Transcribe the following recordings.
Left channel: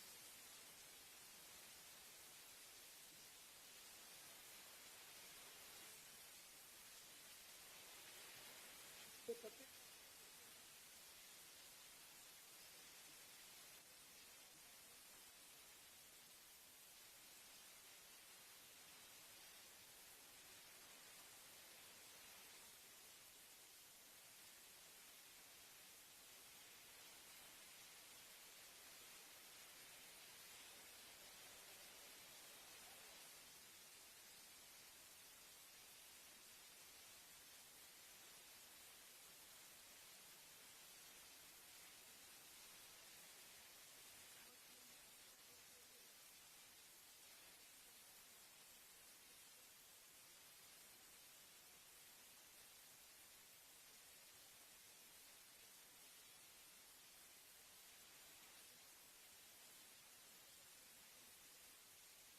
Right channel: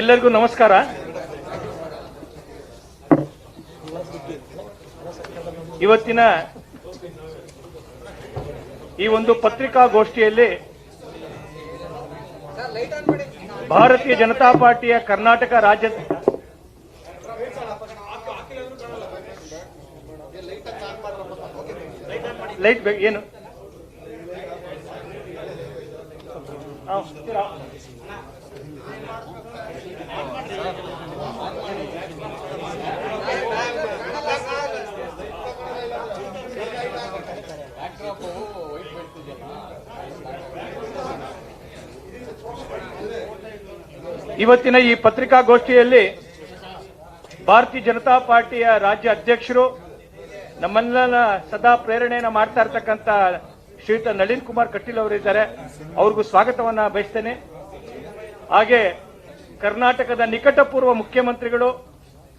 ಎಲ್ಲರಿಗೂ ನಮಸ್ಕಾರ. ಇವತ್ತಿನ ಈ ಒಂದು ಪತ್ರಿಕಾಗೋಷ್ಠಿಯಲ್ಲಿ ಭಾರತೀಯ ಜನತಾ ಪಾರ್ಟಿಯ ಕರ್ನಾಟಕ ರಾಜ್ಯ ಲೈಟ್ ಏನು ಇವತ್ತಿನ ಈ ಪತ್ರಿಕಾಗೋಷ್ಠಿಯಲ್ಲಿ ಭಾರತೀಯ ಜನತಾ ಪಾರ್ಟಿಯ ರಾಜ್ಯ ಅಧ್ಯಕ್ಷರು ನಮ್ಮನ್ನೆಲ್ಲ ಸದಾ ಪ್ರೇರಣೆಯನ್ನು ಮಾಡ್ತಾ ಇರ್ತಕ್ಕಂಥ ಶ್ರೀಯುತ ನಳಿನ್ ಕುಮಾರ್ ಕಟೀಲ್ ಅವರಿದ್ದಾರೆ. ಅವ್ರಿಗೂ ಸ್ವಾಗತವನ್ನ ಬಯಸ್ತೇನೆ. ಹಾಗೆ ಕರ್ನಾಟಕದ ನಿಕಟಪೂರ್ವ ಮುಖ್ಯಮಂತ್ರಿಗಳು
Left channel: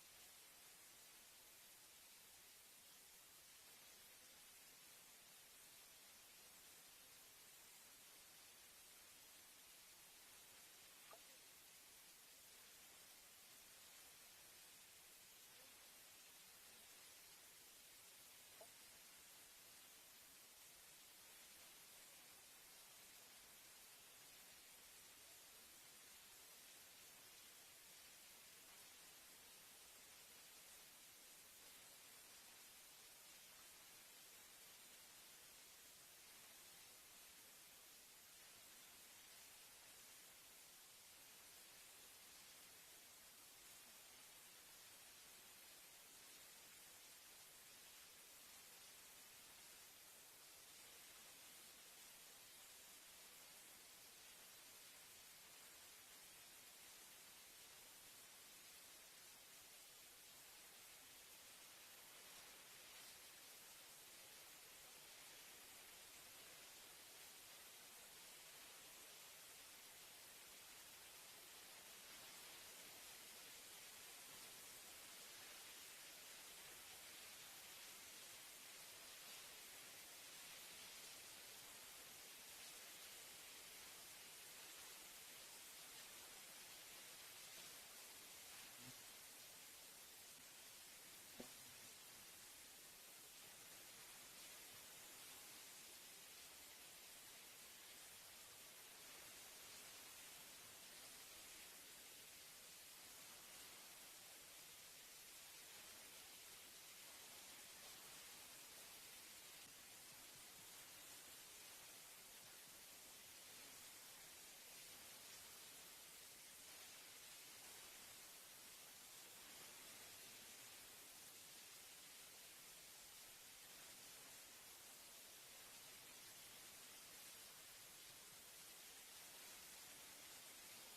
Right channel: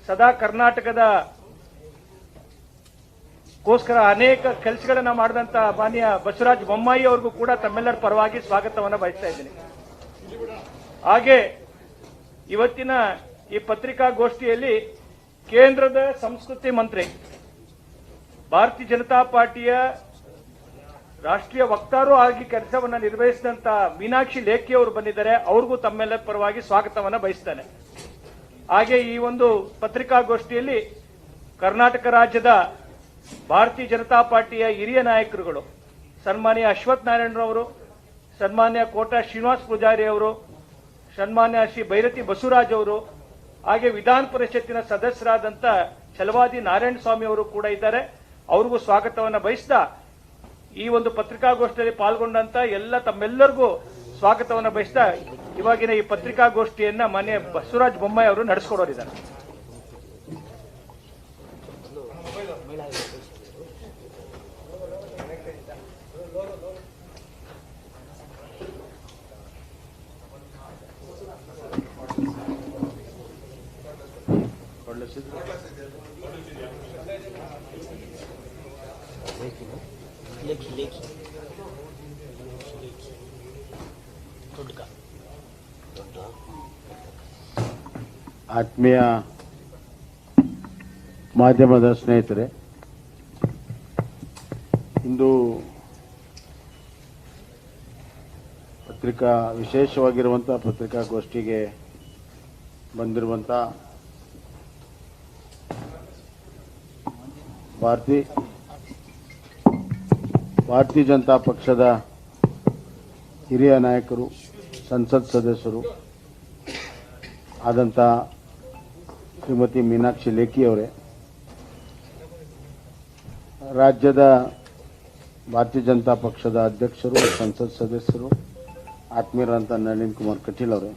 ಸದಾ ಕರ್ನಾಟಕದ ಗೋಸ್ಕರ ಅನೇಕ ಕೆಲಸಗಳನ್ನ ಮಾಡಿದಂತ ಮಾನ್ಯ ಬಸವರಾಜ ಬೊಮ್ಮಾಯಿ ಅವ್ರಿಗೂ ಕೂಡ ತಮ್ಮೆಲ್ಲರ ಪರವಾಗಿ ಸ್ವಾಗತವನ್ನ ಬಯಸ್ತಾ ಇದ್ದೀನಿ. ಹಾಗೆ ಇವತ್ತಿನ ಈ ಪತ್ರಿಕಾಗೋಷ್ಠಿಯಲ್ಲಿ ಕೇಂದ್ರದ ಸಂಸ್ಕೃತಿ ಮಂತ್ರಿ ಭಾರತೀಯ ಜನತಾ ಪಾರ್ಟಿಯ ರಾಷ್ಟ್ರೀಯ ವಕ್ತಾರು ಆಗಿ ಕೆಲಸವನ್ನ ನಿರ್ವಹಿಸಿದಂತ ಮೀನಾಕ್ಷಿ ಲೇಖಿ ಅವರು ಬಂದಿದ್ದಾರೆ. ಅವ್ರಿಗೂ ತಮ್ಮೆಲ್ಲರ ಪರವಾಗಿ ಸ್ವಾಗತವನ್ನ ಬಯಸ್ತಾನೆ. ಹಾಗೆ ಈ ಒಂದು ಪತ್ರಿಕಾಗೋಷ್ಠಿಯಲ್ಲಿ ಕರ್ನಾಟಕ ರಾಜ್ಯದ ಭಾರತೀಯ ಜನತಾ ಪಾರ್ಟಿಯ ಹಿರಿಯ ನಾಯಕರುಗಳು ಸನ್ಮಾನ್ಯ ಅಶ್ವಥ್ ನಾರಾಯಣರವರು, ಸನ್ಮಾನ್ಯ ಕೋಟಾ ಶ್ರೀನಿವಾಸ ಪೂಜಾರಿ ಅವರು, ಸನ್ಮಾನ್ಯ ಶ್ರೀ ಭೈರತಿ ಬಸವರಾಜ್ ಅವರು, ಹಾಗೆ ವಿಧಾನ ಪರಿಷತ್ತಿನ ಸದಸ್ಯರಾದಂತ ಛಲವಾದಿ ನಾರಾಯಣ ಸ್ವಾಮಿ ಅವರು ಕೂಡ ಇದ್ದಾರೆ. ಅವ್ರಿಗೂ ಸ್ವಾಗತವನ್ನ ಬಯಸ್ತಾ ಈ ಒಂದು ಪತ್ರಿಕಾಗೋಷ್ಠಿಯಲ್ಲಿ ಪಾಲ್ಗೊಂಡಂತ ತಮ್ಮೆಲ್ಲರಿಗೂ ಸ್ವಾಗತವನ್ನ ಬಯಸ್ತಾ ಇವಾಗಿನ ಈ ಪತ್ರಿಕಾಗೋಷ್ಠಿಯನ್ನ ಮಾನ್ಯ ಬಸವರಾಜ ಬೊಮ್ಮಾಯಿ ಅವರು ನಡೆಸಿಕೊಡೋರಿದ್ದಾರೆ. ಆತ್ಮೀಯ ಮಾಧ್ಯಮದ ಸ್ನೇಹಿತರೆ, ಇಂದು ವಿಶೇಷವಾಗಿರುವಂತಹ ಪತ್ರಿಕಾಗೋಷ್ಠಿಗೆ ಬಂದಿರುವಂತ ಭಾರತೀಯ ಜನತಾ ಪಕ್ಷದ ಹಿರಿಯ ನಾಯಕರು, ಸಂಸತ್ ಸದಸ್ಯರು ಆದಂತ ಶ್ರೀಮತಿ ಮೀನಾಕ್ಷಿ ಲೇಖಿ ಅವರೇ, ರಾಜ್ಯದ ಭಾರತೀಯ ಜನತಾ ಪಕ್ಷದ ಅಧ್ಯಕ್ಷರು, ಸಂಸತ್ ಸದಸ್ಯರು, ಆತ್ಮೀಯರಂತ ನಳಿನ್ ಕುಮಾರ್ ಕಟೀಲ್ ಅವರೇ,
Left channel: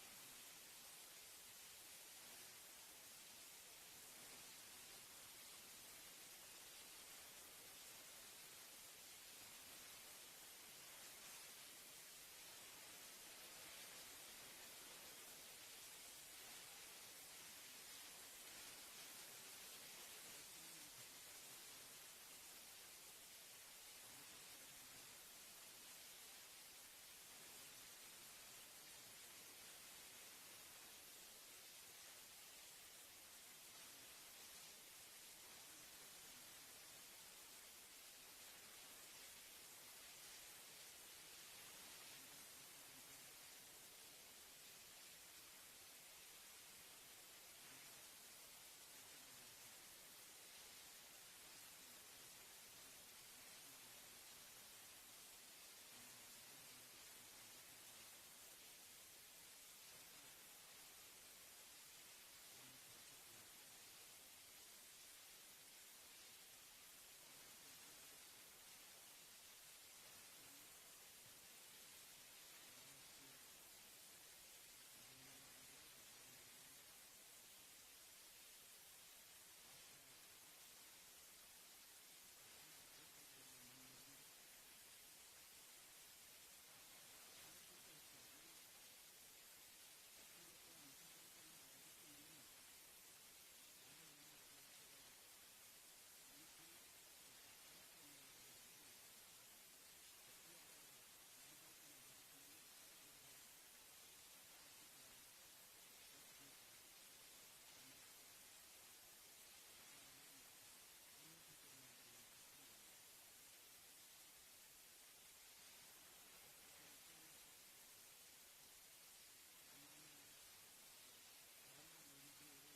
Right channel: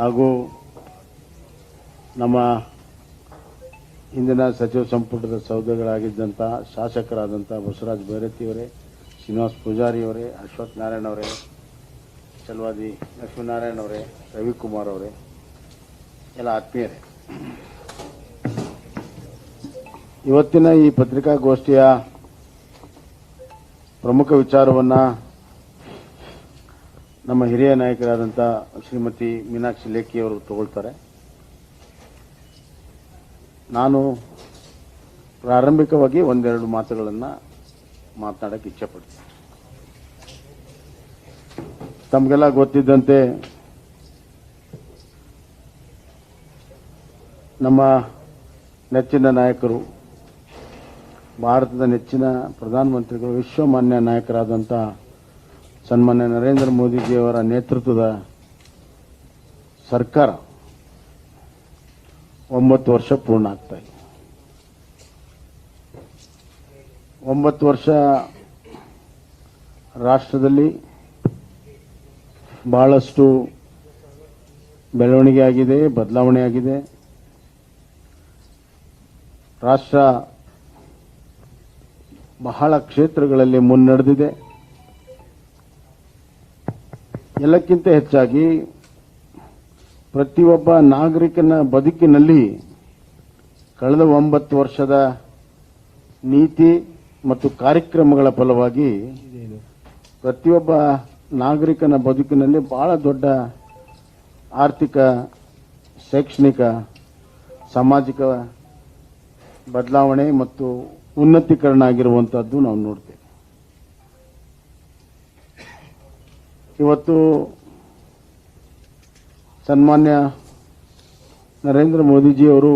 ಹಾಗೂ ನಮ್ಮ ಹಿಂದಿನ ಸಚಿವ ಸಂಪುಟದ ಸೌದೆಗಳಾಗಿದ್ದಂಥ ಶಾಸಕರಾದಂಥ ಬಸವರಾಜ ಭೈರತಿಯವರೇ, ಶ್ರೀನಿವಾಸ ಪೂಜಾರಿ ಅವರೇ, ಅಶ್ವಥ್ ನಾರಾಯಣ ಅವರೇ, ಛಲವಾದಿ ಲಕ್ಷ್ಮೀನಾರಾಯಣ ಅವರೇ, ರವಿಕುಮಾರ್ ಅವರೇ, ಎಲ್ಲ ಆತ್ಮೀಯರೇ, ಇವತ್ತಿನ ಈ ಪತ್ರಿಕಾಗೋಷ್ಠಿಯ ಪ್ರಮುಖ ವಿಚಾರವನ್ನು ನಮ್ಮ ಹಿರಿಯ ನಾಯಕರಾದಂಥ ಶ್ರೀಮತಿ ಮೀನಾಕ್ಷಿ ಲೇಖಿ ಅವರು ತಗೊಳ್ತಾರೆ. ನಾನು ಪ್ರಾರಂಭಿಕವಾಗಿ ಒಂದೆರಡು ಮಾತುಗಳನ್ನು ಮಾತನಾಡಕ್ಕೆ ಇಚ್ಛೆಪಡ್ತೀನಿ. ತಮಗೆಲ್ಲ ಗೊತ್ತಿದ್ದಂತೆ ನಮ್ಮ ನೆಚ್ಚಿನ ನಾಯಕರು, ಭಾರತದ ನೆಚ್ಚಿನ ಪ್ರಧಾನಮಂತ್ರಿಗಳು, ವಿಶ್ವಮಾನ್ಯ ನಾಯಕರಾದಂಥ ಸನ್ಮಾನ್ಯ ನರೇಂದ್ರ ಮೋದಿಜಿಯವರ ನೇತೃತ್ವದ ಸರ್ಕಾರ 9 ವರ್ಷ ಪೂರ್ಣ ಆಗ್ತಾ ಇದೆ. 9 ವರ್ಷ ರಾಷ್ಟ್ರದಲ್ಲಿ ಬಹಳಷ್ಟು ಬೆಳವಣಿಗೆ ಆಗಿದೆ, ಬದಲಾವಣೆ ಆಗಿದೆ. ರಾಷ್ಟ್ರ ಬಹಳ ಕ್ಷೇತ್ರಗಳಲ್ಲಿ ಮುನ್ನಡೆದಿದೆ. ಎಲ್ಲಕ್ಕಿಂತ ಹೆಚ್ಚಾಗಿ ಪ್ರತಿಯೊಬ್ಬ ನಾಗರಿಕನ ಬದುಕಿನಲ್ಲಿ ಕಳೆದ 9 ವರ್ಷದ ನೀತಿ ಮತ್ತು ಕಾರ್ಯಕ್ರಮಗಳ ಫಲವಾಗಿ ಪ್ರತಿಯೊಬ್ಬ ನಾಗರಿಕನ ಬದುಕಿನಲ್ಲಿ ಬಹಳ ದೊಡ್ಡ ಆರ್ಥಿಕ, ಶೈಕ್ಷಣಿಕ, ಸಾಮಾಜಿಕ ಬದಲಾವಣೆ ಮತ್ತು ಉನ್ನತೀಕರಣ ಆಗಿರುವಂತಹದ್ದು ನಾವು ನೋಡ್ತೇವೆ. ಇವತ್ತು ಸನ್ಮಾನ್ಯ ನರೇಂದ್ರ ಮೋದಿಜಿಯವರು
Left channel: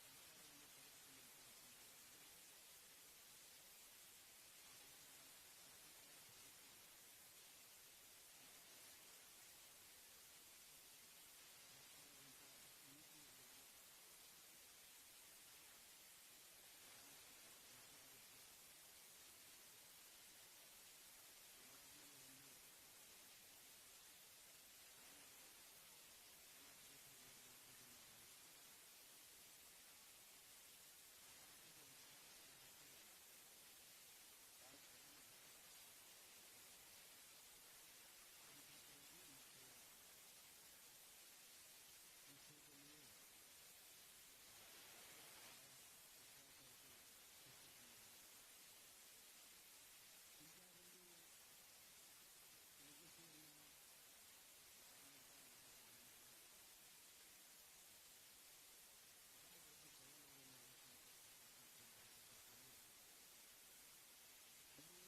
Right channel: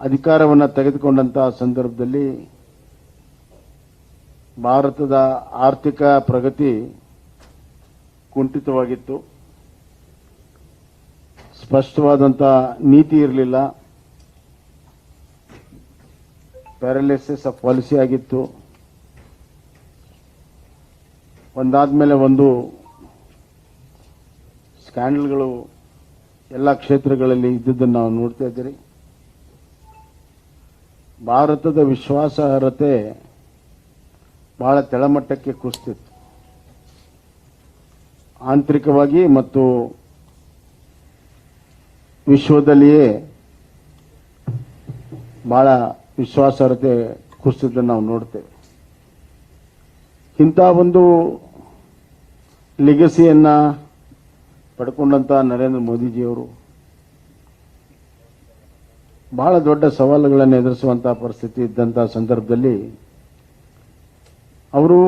ಅಧಿಕಾರವನ್ನು ತೆಗೆದುಕೊಂಡಂತಹ ಸಂದರ್ಭದಲ್ಲಿ ಭಾರತದ ಆರ್ಥಿಕ ಪ್ರಗತಿ ಕುಂಠಿತವಾಗಿತ್ತು. ಸ್ಪಷ್ಟವಾದಂಥ ನೀತಿ ಇರಲಿಲ್ಲ. ಪ್ಯಾರಲಿಸಿಸ್ ಆಫ್ ಪಾಲಿಸಿ ಆಗಿತ್ತು. ಒಂದಾದ್ಮೇಲೆ ಒಂದು ಸ್ಕ್ಯಾಂಡಲ್ಗಳು ಎಲ್ಲ ಕ್ಷೇತ್ರಗಳಲ್ಲಿ ಇದ್ದುದನ್ನು ನಾವು ನೋಡ್ತಾ ಇದ್ದೀರಿ. ಭಾರತದ ವಿಶ್ವಾಸಾರ್ಹತೆ ಬಹಳ ತೆಳಮಟ್ಟಕ್ಕೆ ಕುಸಿತಿತ್ತು. ಆಂತರಿಕವಾಗಿ ಮತ್ತು ವಿಶ್ವದಲ್ಲಿಯೇ ಬಹಳ ವಿಶ್ವಾಸಾರ್ಹತೆ ಕುಸಿತದ್ದನ್ನು ನಾವು ನೋಡ್ತೇವೆ. ಇಂಥ ಒಂದು ಲೆಗಸಿಯನ್ನ ಪಡ್ಕೊಂಡಂತ ನರೇಂದ್ರ ಮೋದಿಜಿಯವರು ಬಹಳ ದೊಡ್ಡ ಸವಾಲುಗಳನ್ನು ಎದುರಿಸುವಂತಹ ಪರಿಸ್ಥಿತಿ ಇದ್ದಂತಹ ಸಂದರ್ಭದಲ್ಲಿ ಅವರು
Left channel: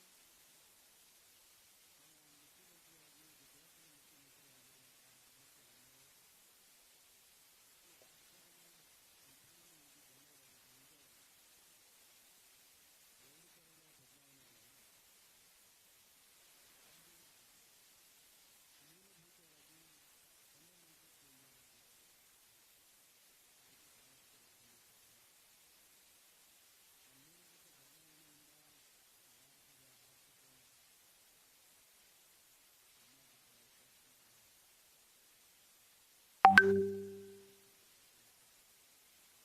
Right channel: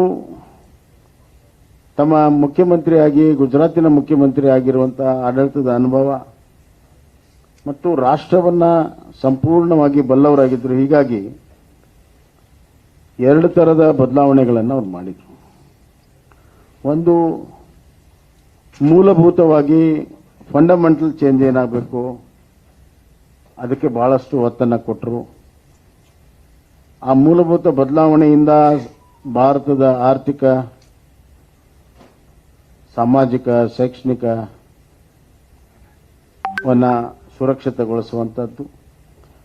ತಮ್ಮ ಮುಖ್ಯಮಂತ್ರಿಯಾಗಿ, ಗುಜರಾತಿನ ಮುಖ್ಯಮಂತ್ರಿ ಆಗಿರುವಂತಹ ಆಡಳಿತದ ಅನುಭವ ಮತ್ತು ರಾಷ್ಟ್ರವನ್ನ ಸಂಪೂರ್ಣವಾಗಿ ಬಲ್ಲವರಾಗಿದ್ದರು. ಹೀಗಾಗಿ ಎರಡು ತರದ ಬದಲಾವಣೆಗಳನ್ನು ಅವ್ರು ಮಾಡಿದರು. ಒಂದು, ಮೂಲಭೂತವಾಗಿ ಫಂಡಮೆಂಟಲ್ ಚೇಂಜ್ ಏನಾಗಬೇಕು ಅದಕ್ಕೆ ಬಹಳಷ್ಟು ಒತ್ತನ್ನು ಕೊಟ್ಟರು. ಆ ಮೂಲಭೂತ ಬದಲಾವಣೆಯಿಂದ ಭಾರತದ ಆರ್ಥಿಕ, ಸಾಮಾಜಿಕ, ಶೈಕ್ಷಣಿಕವನ್ನ ಸುರಕ್ಷಿತಗೊಳಿಸುವಂಥದ್ದು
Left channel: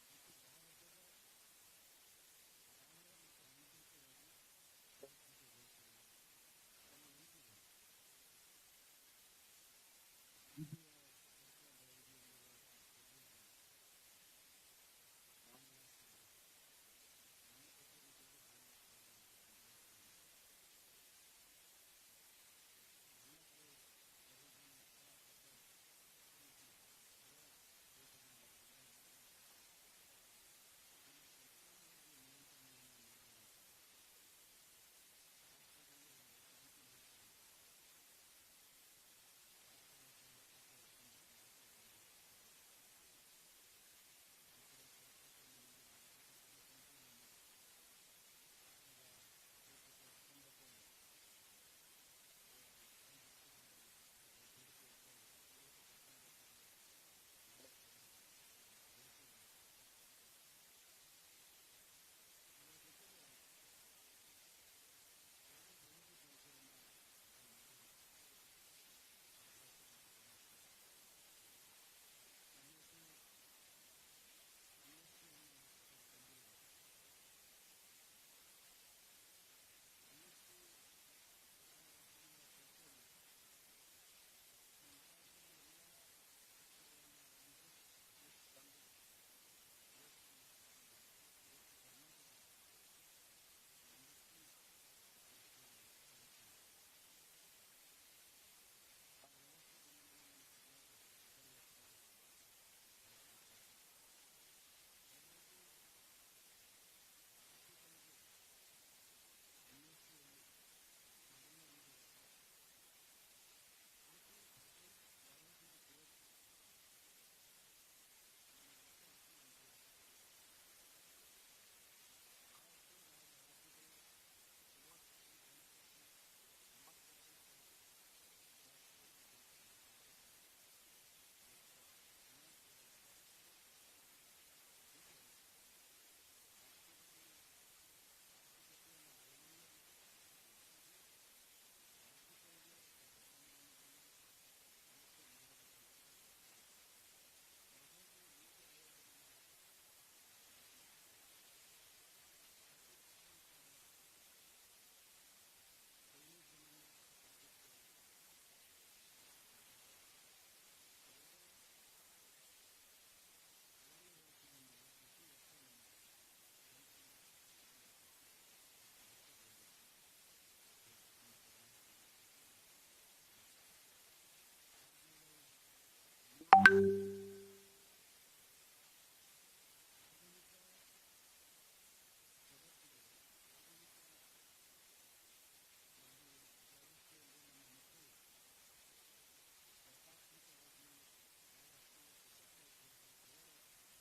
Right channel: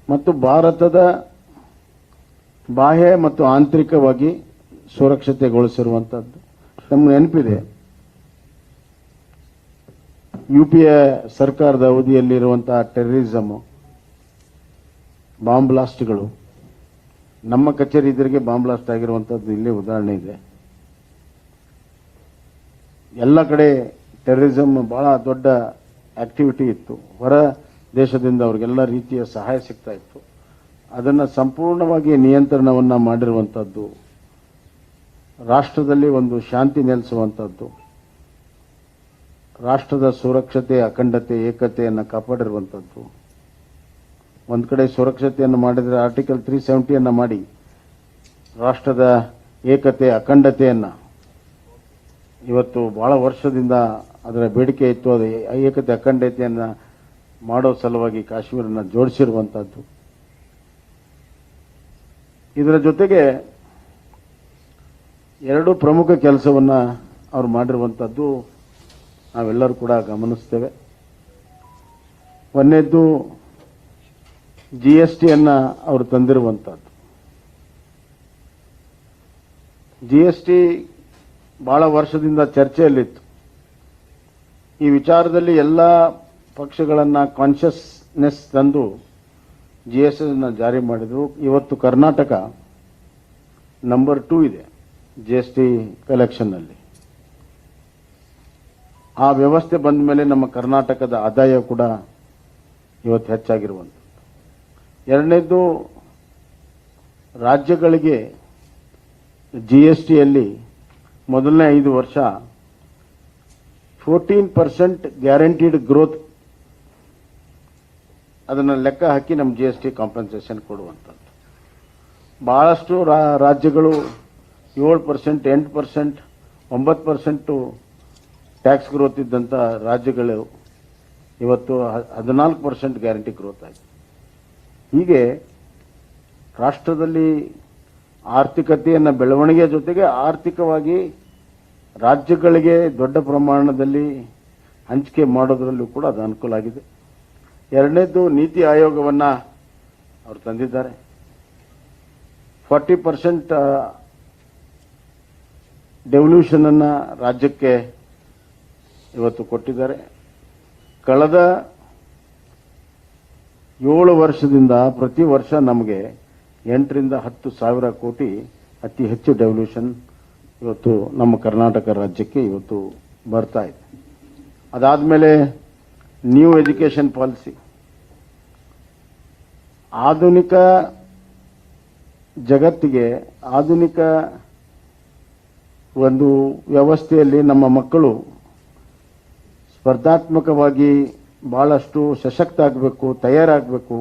ಮತ್ತು ಭಾರತದ ಬಾಹ್ಯ ಮತ್ತು ಆಂತರಿಕವಾಗಿ ಸುರಕ್ಷತೆಗೊಳಿಸಿರುವಂಥದ್ದು. ನಮ್ಗೆ ನೆನಪಿದೆ, ಯುಪಿಎ ಸರ್ಕಾರದ ಅವಧಿಯಲ್ಲಿರುವಂತಹ ಟೆರರಿಸಮ್, ಬಾಂಬ್ ಬ್ಲಾಸ್ಟ್ಗಳು, ನಮ್ಮ ಕಚೇರಿ ಎದುರಿಗೆ ಬಾಂಬ್ ಬ್ಲಾಸ್ಟ್ ಆಗಿರುವಂಥದ್ದು ಇಲ್ಲೇ ಉದಾಹರಣೆ ಇದೆ. ಎಲ್ಲ ಕಡೆ ಟೆರರಿಸಮ್ ಬಹಳ ದೊಡ್ಡ ಆಕ್ಟಿವಿಟಿ ಇತ್ತು. ಹೊರ ದೇಶದಿಂದ ಅವ್ರಿಗೆಲ್ಲ ರೀತಿಯ ಸಹಾಯ ಸಿಗ್ತಾ ಇತ್ತು. ಅದನ್ನು ಸಂಪೂರ್ಣವಾಗಿ ನಿಯಂತ್ರಣವನ್ನು ಮಾಡಿರುವಂಥದ್ದು, ರಾಷ್ಟ್ರದಲ್ಲಿ ಒಂದು ಶಾಂತಿ ನೆಲೆಸುವಂಥದ್ದು, ರಾಷ್ಟ್ರದ ಸುರಕ್ಷತೆ, ಅಖಂಡತೆ, ಏಕತೆಯನ್ನು ಕಾಪಾಡಿರುವಂಥದ್ದು. ಒಂದು ಕಡೆ ಸುರಕ್ಷತೆಯನ್ನು ಮಾಡಿದರೆ ಆರ್ಟಿಕಲ್ 370 ಮಾಡಿ ರಾಷ್ಟ್ರದ ಏಕತೆ, ಅಖಂಡತೆಯನ್ನು ಇವತ್ತು ಬಹಳ ವರ್ಷದಿಂದ ಅದರ ಬೇಡಿಕೆ ಇತ್ತು. ಅದು ಏಕತೆ, ಅಖಂಡತೆಯನ್ನು ಮಾಡೋ ಸಲುವಾಗಿ ಕಾಶ್ಮೀರನ ಜೋಡಿಸಿರುವಂಥದ್ದು. ಇದರ ಜೊತೆಗೆ ಎರಡು ಪ್ರಮುಖ ಕೆಲಸವನ್ನು ಅವರು ಮಾಡಿರುವಂಥದ್ದು ನಾವೆಲ್ಲರೂ ಕೂಡ ಗಮನಿಸ್ತೇವೆ. ಒಂದನೇದ್ದು GSTಯನ್ನು ಅವರು ತಂದಿರುವಂಥದ್ದು. GST ಬಹಳ ವರ್ಷದಿಂದ ಚರ್ಚೆಯಲ್ಲಿತ್ತು. ಈ ವಿಚಾರದಲ್ಲಿ ಎಲ್ಲ ಪಕ್ಷಗಳನ್ನ ಕಾನ್ಷಿಯಸ್ನೆಸ್ ತಂದು GST ಜಾರಿ ಮಾಡಿದ್ರು. ಇವತ್ತು ಕರ್ನಾಟಕ ನಂಬರ್ 2 ಇದೆ GST ಕಲೆಕ್ಷನ್ ನಲ್ಲಿ. ಆ ವ್ಯವಸ್ಥೆ ಬಂದ ಮೇಲೆ ನಮ್ಮ ಕರ್ನಾಟಕದ ಆದಾಯ ಕೂಡ ಇವತ್ತು ಹೆಚ್ಚಾಗಿರುವಂಥದ್ದು. ಎರಡನೇದು, ರಾಜ್ಯಗಳಿಗೆ GSTಯಲ್ಲಿ ಮೊದಲನೇ 5 ವರ್ಷ 14% ಗ್ಯಾರಂಟಿಡ್ ಗ್ರೋತ್ ಅದನ್ನು ಲೆಕ್ಕ ಹಾಕಿ ನಮ್ಮ GST ಕಾಂಪನ್ಸೇಷನ್ ಕೊಡುವಂಥದ್ದು. ಬಹಳಷ್ಟು ರಾಜ್ಯಗಳು 7%, 8%, 9% ಟ್ಯಾಕ್ಸ್ ಗ್ರೋತ್ ಇದ್ದಂಥ ರಾಜ್ಯಗಳು ಇವತ್ತು 14% ಗ್ಯಾರಂಟಿ ಗ್ರೋತ್ ಆಗಿದೆ. ಹೀಗೆ ರಾಷ್ಟ್ರದಲ್ಲಿ ಆರ್ಥಿಕತೆಯನ್ನು ಬೆಳವಣಿಗೆಯ ಜೊತೆಗೆ ಆರ್ಥಿಕವಾಗಿ ರಾಜ್ಯಗಳಿಗೆ ದೊಡ್ಡ ಪ್ರಮಾಣದಲ್ಲಿ ಹಂಚಿಕೆ ಮಾಡೋದರಲ್ಲೂ ಕೂಡ ಅದು ಅನುಕೂಲ ಆಗಿದೆ. ಎರಡನೇದು, ನೀತಿ ಆಯೋಗವನ್ನು ಅವರು ತಂದಿದ್ದಾರೆ. 40% ಡೆವಲ್ಯೂಷನ್ ಅನ್ನ ರಾಜ್ಯಕ್ಕೆ ಇವತ್ತು ಕೊಟ್ಟಿದ್ದಾರೆ. ಕಳೆದ 7 ವರ್ಷದಿಂದ ಪ್ರತಿ ವರ್ಷ ನಮಗೆ 8ರಿಂದ 10 ಸಾವಿರ ಕೋಟಿ ಅತಿ ಹೆಚ್ಚು ಡೆವಲ್ಯೂಷನ್ ಇವತ್ತು ನಮ್ಮ ಕರ್ನಾಟಕ ರಾಜ್ಯಕ್ಕೆ ಇವತ್ತು ಬರ್ತಾ ಇದೆ. ಅದಾದಮೇಲೆ ನ್ಯೂ ಎಜುಕೇಷನ್ ಪಾಲಿಸಿ, ಆಧುನಿಕ ಜಗತ್ತಿಗೆ ಆಧುನಿಕ ಒಂದು ವ್ಯವಸ್ಥೆಯಲ್ಲಿ ನಮ್ಮ ಮಕ್ಕಳು ಸ್ಪರ್ಧಾತ್ಮಕವಾಗಿ ಬಹಳಷ್ಟು ಸಶಕ್ತ ಆಗಬೇಕು, ತಯಾರಾಗಬೇಕು,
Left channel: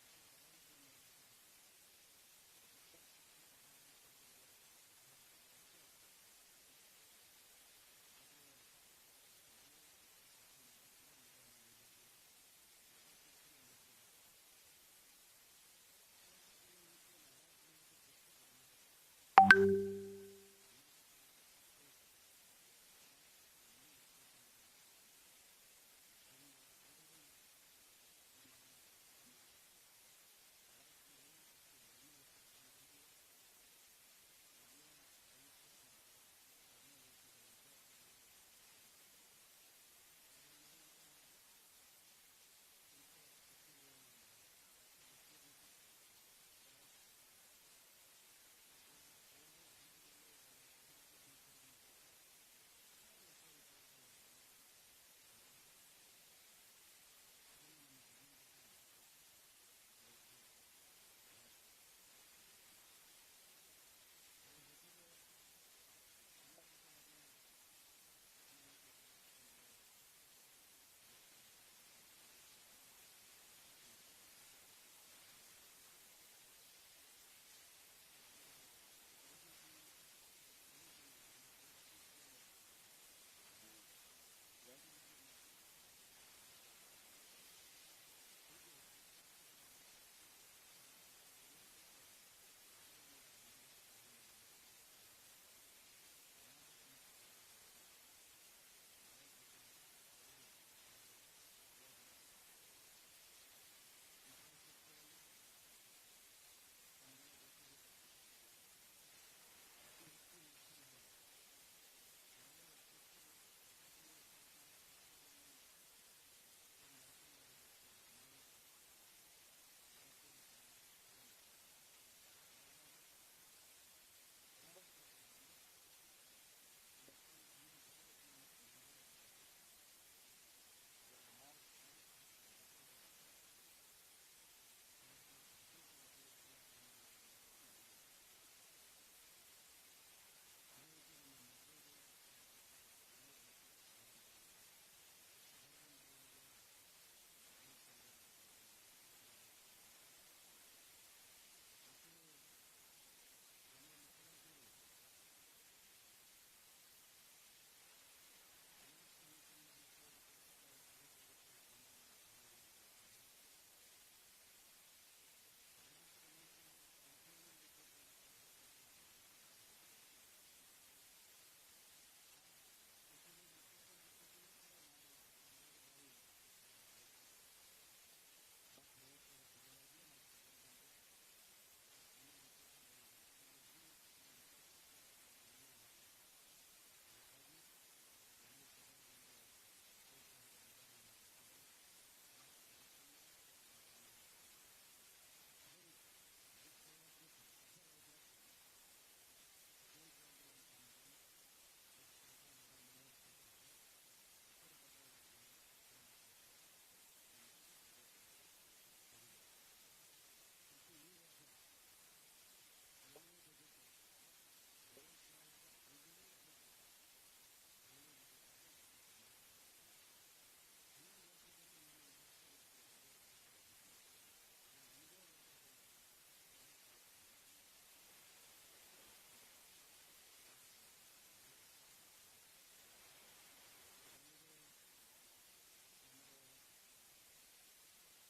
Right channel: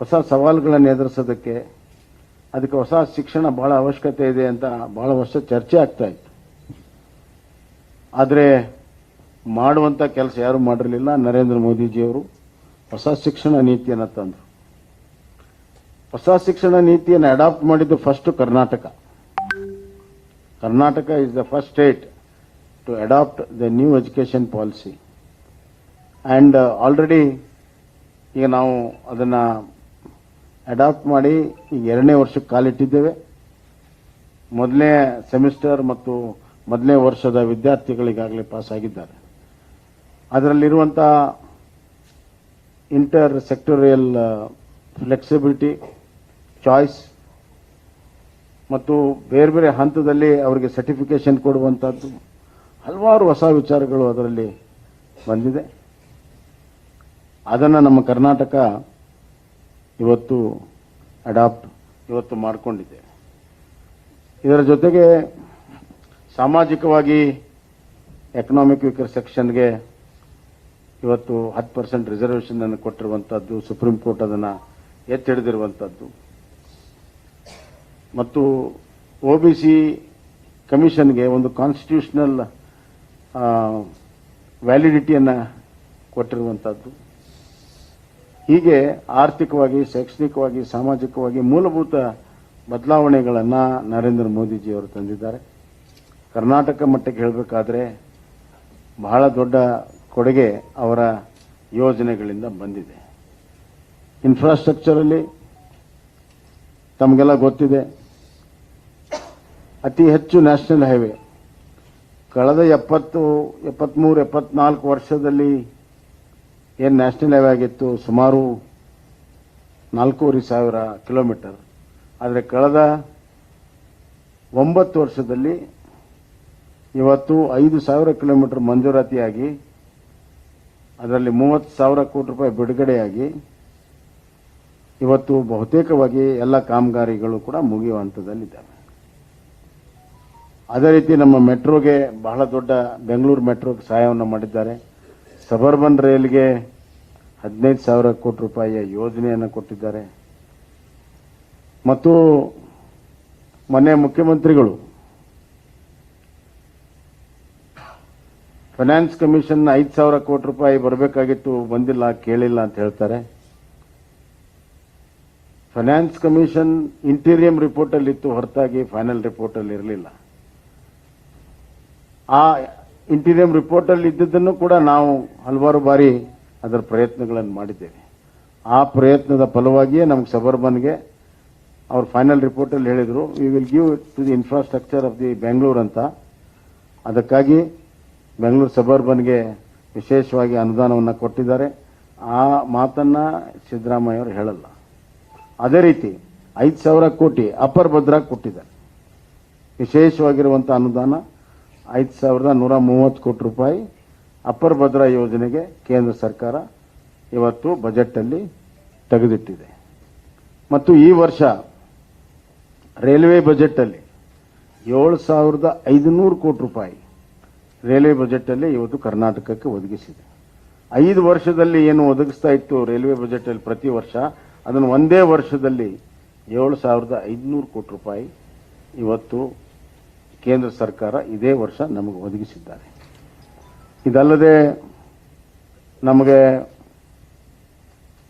ಹೊಸ ಸವಾಲುಗಳನ್ನು ಎದುರಿಸೋದಕ್ಕೆ ಅದಕ್ಕೆ ಹೊಸ ಶಿಕ್ಷಣ ಬಹಳ ಅವಶ್ಯಕತೆ ಇದೆ ಅಂತ ಬಹಳ ವರ್ಷ ಚರ್ಚೆ ಆಗ್ತಾ ಇತ್ತು. ಆದರೆ ಮಾಡುವಂಥ ಕೆಲಸ ಯಾರು ಮಾಡಿರಲಿಲ್ಲ. ನರೇಂದ್ರ ಮೋದಿಜಿಯವರು ಹೊಸ ಶಿಕ್ಷಣ ನೀತಿಯನ್ನು ತಂದರು. ಹೊಸ ಶಿಕ್ಷಣ ನೀತಿಯನ್ನು ಅಡಾಪ್ಟ್ ಮಾಡಿದ್ದು first Karnataka. Karnataka is the first state to adopt the new education policy. And already ಈಗ ನಾವು ಅದನ್ನು ಅಡಾಪ್ಟ್ ಮಾಡಿ ಈಗ 2ನೇ ವರ್ಷಕ್ಕೆ ಕಾಲಿಟ್ಟಿದ್ದೇವೆ. ಮೊದಲನೇ ಸೆಮಿಸ್ಟರ್ ಮತ್ತು ಮೊದಲನೇ ವರ್ಷದ ವಿದ್ಯಾರ್ಥಿಗಳಿಗಾಗಲೇ ಪಾಸ್ ಆಗಿದ್ದಾರೆ. ಅದರಲ್ಲಿರುವಂಥ ಇಂಟರ್ ಸೆಕ್ಟೋರಿಯಲ್ ಫ್ಲೆಕ್ಸಿಬಿಲಿಟಿ, ಚಾಯ್ಸ್ ಮತ್ತು ಬೇರೆ ಬೇರೆ ಹಂತದಲ್ಲಿ ಅವರಿಗೆ ಸರ್ಟಿಫಿಕೇಶನ್ ಕೊಡುವಂಥದ್ದು ಹಲವಾರು ಹೊಸ ವಿಚಾರಗಳು ಅದರಲ್ಲಿ ಬಂದಿದೆ. ಅದನ್ನು ನಮ್ಮ ಕರ್ನಾಟಕ ಇವತ್ತು ಇವತ್ತು ಮಾಡಿಕೊಂಡಿದೆ. ಇದರ ಜೊತೆಗೆ ಸಾಮಾಜಿಕವಾಗಿ ಎಕನಾಮಿಕ್ ವೀಕರ್ ಸೆಕ್ಷನ್ಗೆ ಇವತ್ತು 10% ರಿಸರ್ವೇಷನ್ ಅನ್ನು ಕೊಟ್ಟಿರುವಂಥದ್ದು, ಸುಪ್ರೀಂ ಕೋರ್ಟ್ ಅದನ್ನು ಎತ್ತಿ ಹಿಡಿದಿರುವಂಥದ್ದು ಮತ್ತು OBC ಕಮಿಷನ್ಗೆ ಒಂದು ಕಾನ್ಸ್ಟಿಟ್ಯೂಷನಲ್ ವ್ಯಾಲಿಡಿಟಿಯನ್ನು ಕೊಟ್ಟಿರುವಂಥದ್ದು. ಹೀಗೆ ಆರ್ಥಿಕವಾಗಿ, ಶೈಕ್ಷಣಿಕವಾಗಿ, ಸಾಮಾಜಿಕವಾಗಿ ಮೂಲಭೂತ ಬದಲಾವಣೆಗಳನ್ನು ನರೇಂದ್ರ ಮೋದಿಜಿಯವರು ತಂದಿದ್ದಾರೆ. ಕರ್ನಾಟಕ ಮಟ್ಟಕ್ಕೆ ಹೇಳಬೇಕಾದ್ರೆ ಬಹಳ ದೊಡ್ಡ ಕೊಡುಗೆ ಅವರ ಯೋಜನೆಗಳಿಂದ ಬಂದಿದೆ. ಇನ್ಫ್ರಾಸ್ಟ್ರಕ್ಚರಲ್ಲಿ ತಮಗೆಲ್ಲ ಗೊತ್ತಿದೆ, ಅತಿ ಹೆಚ್ಚು ನ್ಯಾಷನಲ್ ಹೈವೇ ಕಳೆದ 73-74 ವರ್ಷದಲ್ಲಿ ಏನು ನ್ಯಾಷನಲ್ ಹೈವೇ ಆಗಿತ್ತು ಸುಮಾರು 4,500 ಕಿಲೋಮೀಟರ್. ಆದರೆ ಕಳೆದ 9 ವರ್ಷದಲ್ಲಿ ಇವತ್ತು 5,000 ಕಿಲೋಮೀಟರ್ ಮಂಜೂರಾತಿಯಾಗಿ ಅದರಲ್ಲಿ 30,000 ಕೋಟಿ ರೂಪಾಯಿ ಬಿಡುಗಡೆಯಾಗಿ ಇವತ್ತು ಬಹುತೇಕವಾಗಿ ಎಲ್ಲ ಕಾಮಗಾರಿಗಳು ಕೂಡ ಮುಗಿಯುವ ಹಂತದಲ್ಲಿದ್ದಾವೆ. ಅದೇ ರೀತಿ ನಮ್ಮ ಮೆಟ್ರೋಗೆ ಬಹಳ ದೊಡ್ಡ ಬೆಂಗಳೂರು ಮೆಟ್ರೋಗೆ ಸಹಾಯವನ್ನು ಮಾಡಿದ್ದಾರೆ. ಸಬರ್ಬನ್ ರೈಲ್ಗೆ 15,000 ಕೋಟಿ ರೂಪಾಯಿಯ ಯೋಜನೆಯನ್ನು ಕೊಟ್ಟಿದ್ದಾರೆ. ಮತ್ತು ಮೊನ್ನೆ ಮುಖ್ಯಮಂತ್ರಿಗಳು ಫೈನಾನ್ಸ್ ಕಮಿಷನ್ 5,000 ಕೋಟಿ ರೂಪಾಯಿ ಬರಬೇಕಾಗಿತ್ತು, ಬಂದಿಲ್ಲ, ಕೇಳಿಲ್ಲ ಅಂತ ಹೇಳ್ತಾರೆ. ಫೈನಾನ್ಸ್ ಕಮಿಷನ್ ಇಂಟೀರಿಯಂ ರಿಪೋರ್ಟ್ ಅಲ್ಲಿ ಇತ್ತು, ಹೊರತಾಗಿ ಫೈನಲ್ ರಿಪೋರ್ಟ್ ಅಲ್ಲಿ ಇರಲಿಲ್ಲ. ಆ ಇಂಟೀರಿಯಂ ರಿಪೋರ್ಟ್ ಅಲ್ಲಿ ಇದ್ದದ್ದನ್ನು ಕೂಡ ನಾವು ಹಲವಾರು ಬಾರಿ ಅದರ ಪ್ರಯತ್ನಗಳನ್ನು ಮಾಡಿದ್ದೇವೆ. ಆ ಪ್ರಯತ್ನದ ಫಲವಾಗಿಯೇ ನಮ್ಗೆ ಸಬರ್ಬನ್ಗೆ ಅವ್ರು ಫೈನಲ್ ರಿಪೋರ್ಟ್ ಅಲ್ಲಿ ಹೇಳಿದ್ರು, we will give to the infrastructure of the Bengaluru ಅಂತ. ಅದಕ್ಕಾಗಿ ಬೆಂಗಳೂರು ಸಬರ್ಬನ್ಗೆ ವಿಶೇಷವಾಗಿ ಅನುದಾನವನ್ನು ಕೊಟ್ಟಿದ್ದಾರೆ. ಆ ಮಾತನ್ನ ಸಿದ್ದರಾಮಯ್ಯ ಅವರು ಹೇಳಲ್ಲ. ಅದೇ ರೀತಿ 5,000 ಕೋಟಿ ಅಪರ್ ಭದ್ರಾ ಕೊಟ್ಟಿದ್ದಾರೆ. ವಿಶೇಷವಾಗಿರುವಂಥ ಅನುದಾನ 5,130 ಕೋಟಿ ರೂಪಾಯಿ ಅಪರ್ ಭದ್ರಾ ಯೋಜನೆಗೆ ಕೇಂದ್ರ ಸರ್ಕಾರ ಇವತ್ತು ಬಜೆಟ್ ಅಲ್ಲಿ ತೆಗೆದಿಟ್ಟಿದೆ. ಮತ್ತು ಈ ವರ್ಷ ರೈಲ್ವೆ ಬಜೆಟ್ ಅಲ್ಲಿ 7,500 ಕೋಟಿ ರೂಪಾಯಿ ರೈಲ್ವೆ ಬಜೆಟ್ ಅಲ್ಲಿ ಇವತ್ತು ಕರ್ನಾಟಕಕ್ಕೆ ಒದಗಿಸಿದೆ. 5 ವರ್ಷದಲ್ಲಿ ಏನು ಒದಗಿಸ್ತಾ ಇತ್ತು ರೈಲ್ವೆ ಬಜೆಟ್ ಅಲ್ಲಿ ಪ್ರತಿ ವರ್ಷ, ಅದನ್ನು ಒಂದೇ ವರ್ಷದಲ್ಲಿ 7,500 ಕೋಟಿ ರೂಪಾಯಿ ಇವತ್ತು ಕೇಂದ್ರ ಸರ್ಕಾರ ಇದೇ ವರ್ಷ ನಮಗೆ ಒದಗಿಸಿದ್ದಾರೆ. ಇದಲ್ಲದೆ ನಮಗೆ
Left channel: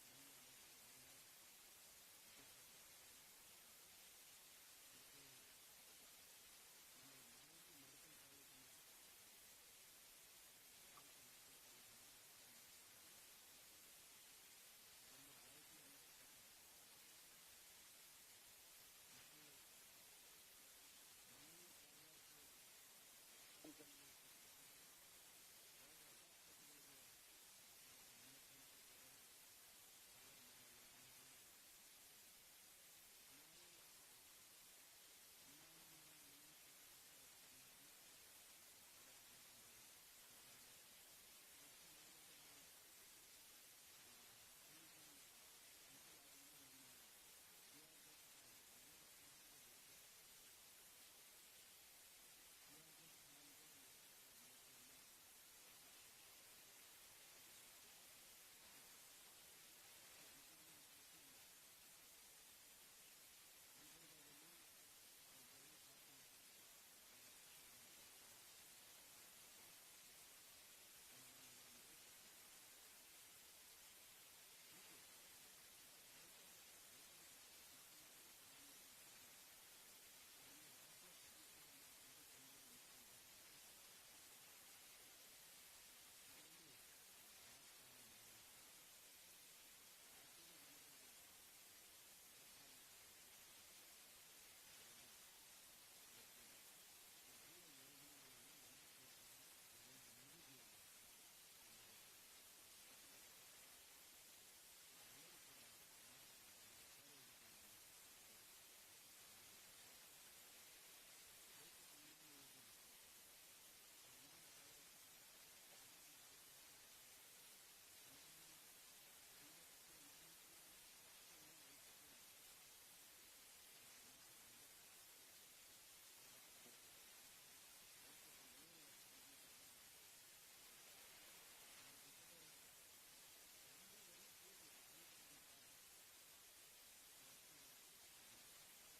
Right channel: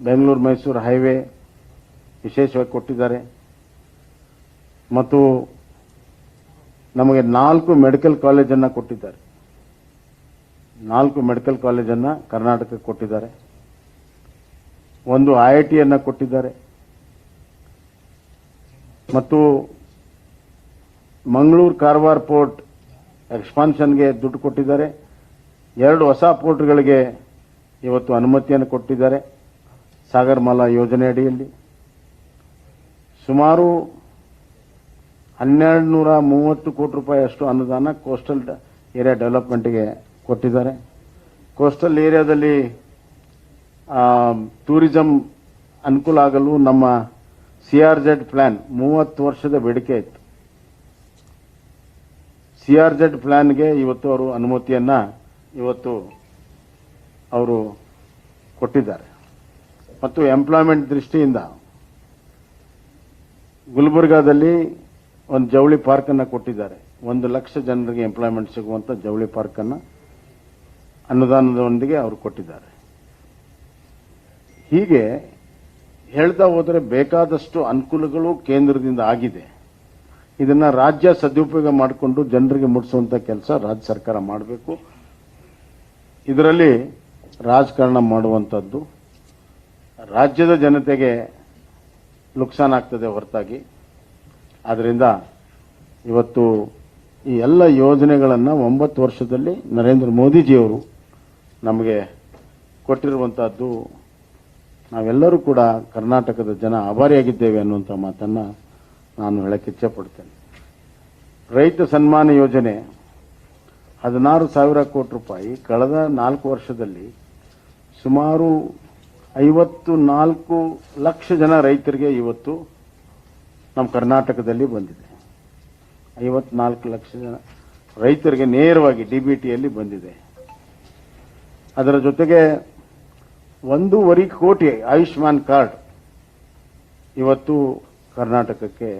ಬೆಂಗಳೂರು ಮೈಸೂರು ಹೈವೇ ವಿಶೇಷವಾಗಿ ಕೊಟ್ಟಿದ್ದಾರೆ. ಮತ್ತು ನಮಗೆ 4 ಮೆಡಿಕಲ್ ಕಾಲೇಜನ್ನು ಕೊಟ್ಟಿದ್ದಾರೆ. 4 ಮೆಡಿಕಲ್ ಕಾಲೇಜನ್ನು ಕರ್ನಾಟಕಕ್ಕೆ ಕೊಟ್ಟಿದ್ದಾರೆ. ಒಂದು IITಯನ್ನು ಕೊಟ್ಟಿದ್ದಾರೆ. ಮತ್ತು ಮಂಗಳೂರು ಕಾರವಾರ ಪೋರ್ಟ್ ಎಕ್ಸ್ಪಾನ್ಷನ್ಗೆ ದುಡ್ಡು ಕೊಟ್ಟಿದ್ದಾರೆ. 2 ಹೊಸ ಪೋರ್ಟ್ಗಳಿಗೆ ಇವತ್ತು ಅನುಮತಿಯನ್ನು ಕೊಟ್ಟಿದ್ದಾರೆ ಸಾಗರಮಾಲಾ ಯೋಜನೆ ಅಡಿಯಲ್ಲಿ. ಸುಮಾರು 1230 ಕೋಟಿ ರೂಪಾಯಿ ಅಷ್ಟು ಅನುದಾನ ಕೋಸ್ಟಲ್ ಏರಿಯಾ ಡೆವಲಪ್ಮೆಂಟ್ಗೆ ಕೊಟ್ಟಿದ್ದಾರೆ. ಕೋಸ್ಟಲ್ ಏರಿಯಾದಲ್ಲಿ ಟೂರಿಸಂ ಅನುಕೂಲ ಆಗಲು ನಮ್ಮ CRZ ಪ್ಲಾನ್ 30 ವರ್ಷದ ಬೇಡಿಕೆ ಇತ್ತು. CRZ ಪ್ಲಾನ್ಗೆ ಇವತ್ತು ಅವರು ಅನುಮತಿಯನ್ನ ಇವತ್ತು ಅವರು ಕೊಟ್ಟಿದ್ದಾರೆ. ಮತ್ತು ಎಂಪ್ಲಾಯ್ಮೆಂಟ್ ದೃಷ್ಟಿಯಿಂದ ಗುಲ್ಬರ್ಗಾದಲ್ಲಿ ಒಂದು ಜವಳಿ ಪಾರ್ಕ್ ಅನ್ನು ಕೊಟ್ಟಿದ್ದಾರೆ. 1 ಲಕ್ಷ ಜನರಿಗೆ ಎಂಪ್ಲಾಯ್ಮೆಂಟ್ ಸಿಗುವಂತ ಜವಳಿ ಪಾರ್ಕ್ ಅನ್ನು ಅನುದಾನದೊಂದಿಗೆ ಅವರು ಕೊಟ್ಟಿದ್ದಾರೆ. ಹೀಗೆ ಹೇಳ್ತಾ ಹೋದರೆ ಬೇಕಾದಷ್ಟು ಅನುಕೂಲಗಳು ಕೇಂದ್ರದಿಂದ ಆಗಿದೆ. ಇದನ್ನ ರಾಜ್ಯ ಸದುಪಯೋಗ ಮಾಡಿಕೊಂಡು ಜನರಿಗೆ ಮುಟ್ಟಿಸುವಂತ ಕೆಲಸ ರಾಜ್ಯ ಸರ್ಕಾರ ಮಾಡಬೇಕು. ಇದರಲ್ಲಿ ರಾಜಕಾರಣ ಮಾಡುವಂಥದ್ದು ರಾಜ್ಯದ ಜನತೆಗೆ ನುಕ್ಸಾನ್ ಆಗ್ತದೆ ಹೊರತಾಗಿ. ಆದ್ದರಿಂದ ಇವತ್ತು ಈ ಎಲ್ಲ ಯೋಜನೆಗಳನ್ನು 9 ವರ್ಷದಲ್ಲಿ ನರೇಂದ್ರ ಮೋದಿಜಿಯವರು ನಮಗೆ ಕೊಟ್ಟಿರುವಂತಹದ್ದು ನಾವೆಲ್ಲರೂ ಕೂಡ ಕರ್ನಾಟಕದ ಜನ ಆಭಾರಿಯಾಗಿದ್ದೇವೆ ಅನ್ನುವಂಥ ಮಾತನ್ನು ನಾನು ಹೇಳಕ್ಕೆ ಇಚ್ಛೆಪಡ್ತೇನೆ. ರೈತ ಸನ್ಮಾನ ಯೋಜನೆ 16,000 ಕೋಟಿ ರೂಪಾಯಿ ಕಳೆದ 4 ವರ್ಷದಲ್ಲಿ ಸುಮಾರು 54 ಲಕ್ಷ ಜನ ರೈತರಿಗೆ ಇವತ್ತು ನಮ್ಮ ಕರ್ನಾಟಕದಲ್ಲಿ ಬಂದಿದೆ. 54 ಲಕ್ಷ ಜನ ರೈತರಿಗೆ ನೇರವಾಗಿ DBTಯಲ್ಲಿ ಬಂದಿದೆ. ಅದರ ಜೊತೆಗೆ 1.5 ಕೋಟಿ ಆಯುಷ್ಮಾನ್ ಕಾರ್ಡ್ ಇವತ್ತು ಕರ್ನಾಟಕಕ್ಕೆ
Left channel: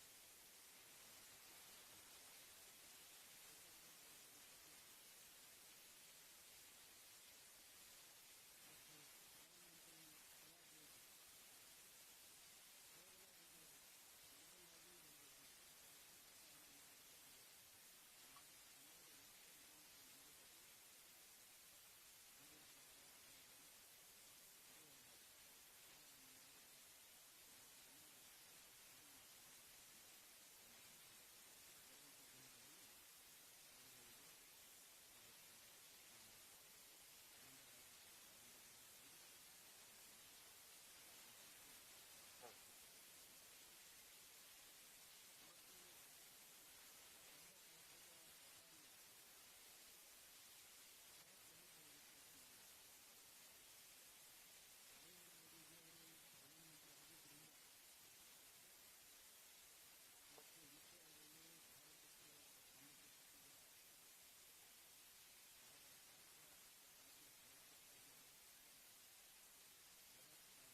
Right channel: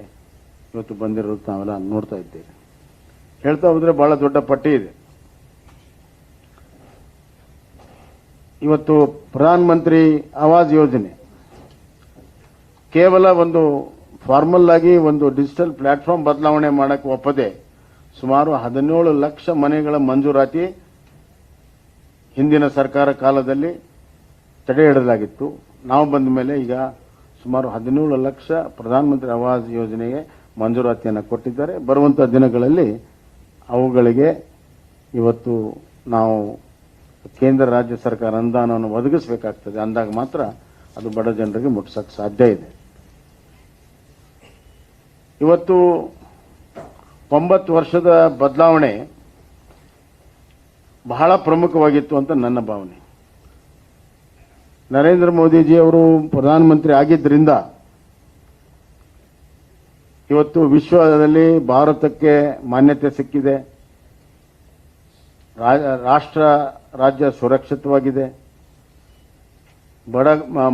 ಇವತ್ತು ಬಂದಿರೋದು ನಾವೆಲ್ಲ ನೋಡ್ತಾ ಇದ್ದೇವೆ. ಹೇಳ್ತಾ ಹೋದ್ರೆ ಬಹಳ ದೊಡ್ಡ ಪಟ್ಟಿ ಇದೆ. ಇವತ್ತು ಪ್ರಧಾನ ಮಂತ್ರಿ ಆವಾಸ್ ಯೋಜನೆ ಕೇವಲ ಒಂದು ಫಾರ್ಮಲ್ ಆಗಿ ಒಂದು ಡಿಜಿಟಲ್ ಪ್ಲಾಟ್ಫಾರ್ಮ್ ಬದಲಾವಣೆ ಮಾಡಕ್ಕೆ ಒಪ್ಪದೆ ಸುಮಾರು 17 ಲಕ್ಷ ಮನೆಗಳ ಮಂಜೂರಾತಿ ಹಿಂದಿನ ಸರ್ಕಾರ ಕಾಲದಲ್ಲಿ ತಡೆ ಹಿಡಿಯಲಾಗಿತ್ತು. ನಾವು ಬಂದ ಮೇಲೆ ಈಗ ಸುಮಾರು 17 ಲಕ್ಷ ಪ್ರಧಾನಮಂತ್ರಿ ಆವಾಸ್ ಯೋಜನೆಗೆ ಮಂಜೂರಾತಿಯನ್ನು ಕೊಟ್ಟಿದ್ದಾರೆ. ಬರುವಂತಹ ದಿನಗಳಲ್ಲಿ ಅವುಗಳಿಗೆ ಇವತ್ತು ನಾವು ಕೇಂದ್ರ ರಾಜ್ಯ ಸರ್ಕಾರ ಅನುದಾನವನ್ನು ಒದಗಿಸಬೇಕಾಗ್ತದೆ. ಅಂದಾಗ ಮಾತ್ರ ಅದು ಬಡ ಜನರಿಗೆ ಮುಟ್ಟಿಸಕ್ಕೆ ಸಾಧ್ಯ ಇದೆ. ಇವತ್ತು 9 ವರ್ಷದ ಬದಲಾವಣೆ ಬಹಳ ಪ್ರಮುಖವಾಗಿತ್ತು ಅಂತ ನನ್ನ ಭಾವನೆ. ನರೇಂದ್ರ ಮೋದಿಜಿ ಅವರು ಪ್ರಧಾನಮಂತ್ರಿ ಆಗಿದ್ದರಿಂದ ಇವತ್ತು ವಿಶ್ವದಲ್ಲಿ ಭಾರತಕ್ಕೆ ಮಾನ್ಯತೆ ಸಿಕ್ಕಿದೆ. ರಾಷ್ಟ್ರ ರಾಜ್ಯ ಸುರಕ್ಷಿತವಾಗಿದೆ.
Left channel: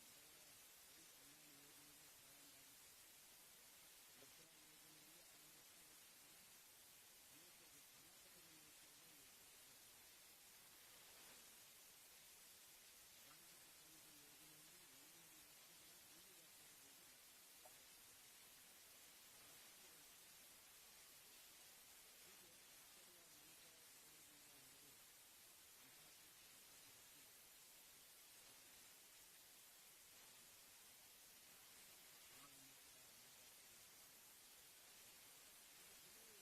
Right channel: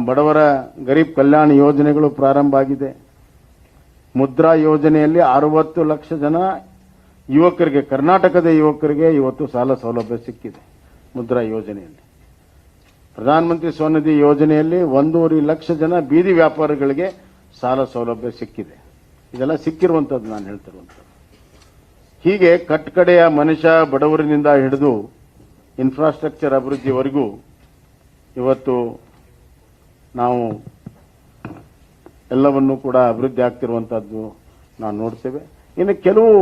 ಬಡವರ ಗರೀಬ್ ಕಲ್ಯಾಣ ಯೋಜನೆಗಳು ಪ್ರಾರಂಭ ಆಗಿದೆ. ಮುದ್ರಾ ಯೋಜನೆಯಲ್ಲಿ 60 ಲಕ್ಷ ಜನ ಯುವಕರಿಗೆ, ಕರ್ನಾಟಕದ ಯುವಕರಿಗೆ ಇವತ್ತು ಸಾಲ ಸೌಲಭ್ಯ ಸಿಕ್ಕಿದೆ. ಮುದ್ರಾ ಯೋಜನೆಯಲ್ಲಿ ಪ್ರಧಾನಮಂತ್ರಿ ಸ್ವನಿಧಿ ಯೋಜನೆಯಲ್ಲಿ 1.5 ಲಕ್ಷ ಜನ ಬೀದಿ ವ್ಯಾಪಾರಿಗಳಿಗೆ ಸಾಲ ಸೌಲಭ್ಯ ಸಿಕ್ಕಿದೆ. ಇದೆಲ್ಲ ಸಿಕ್ಕಿರುವಂಥದ್ದು ನಾನು ಹೇಳ್ತಿರುವಂಥದ್ದು. ಹೀಗೆ ಕಟ್ಟಕಡೆಯ ಮನುಷ್ಯ ಬಡವರಿನಿಂದ ಹಿಡಿದು ಇನ್ಫ್ರಾಸ್ಟ್ರಕ್ಚರ್ ಅಭಿವೃದ್ಧಿವರೆಗೂ ಇವತ್ತು ನಾವು ಎಲ್ಲವನ್ನೂ ಕೂಡ ಅಭಿವೃದ್ಧಿ ಆಗ್ತಿರುವಂಥದ್ದು ನಾವು ನೋಡ್ತೇವೆ. ಇನ್ನು ಕೆಲವು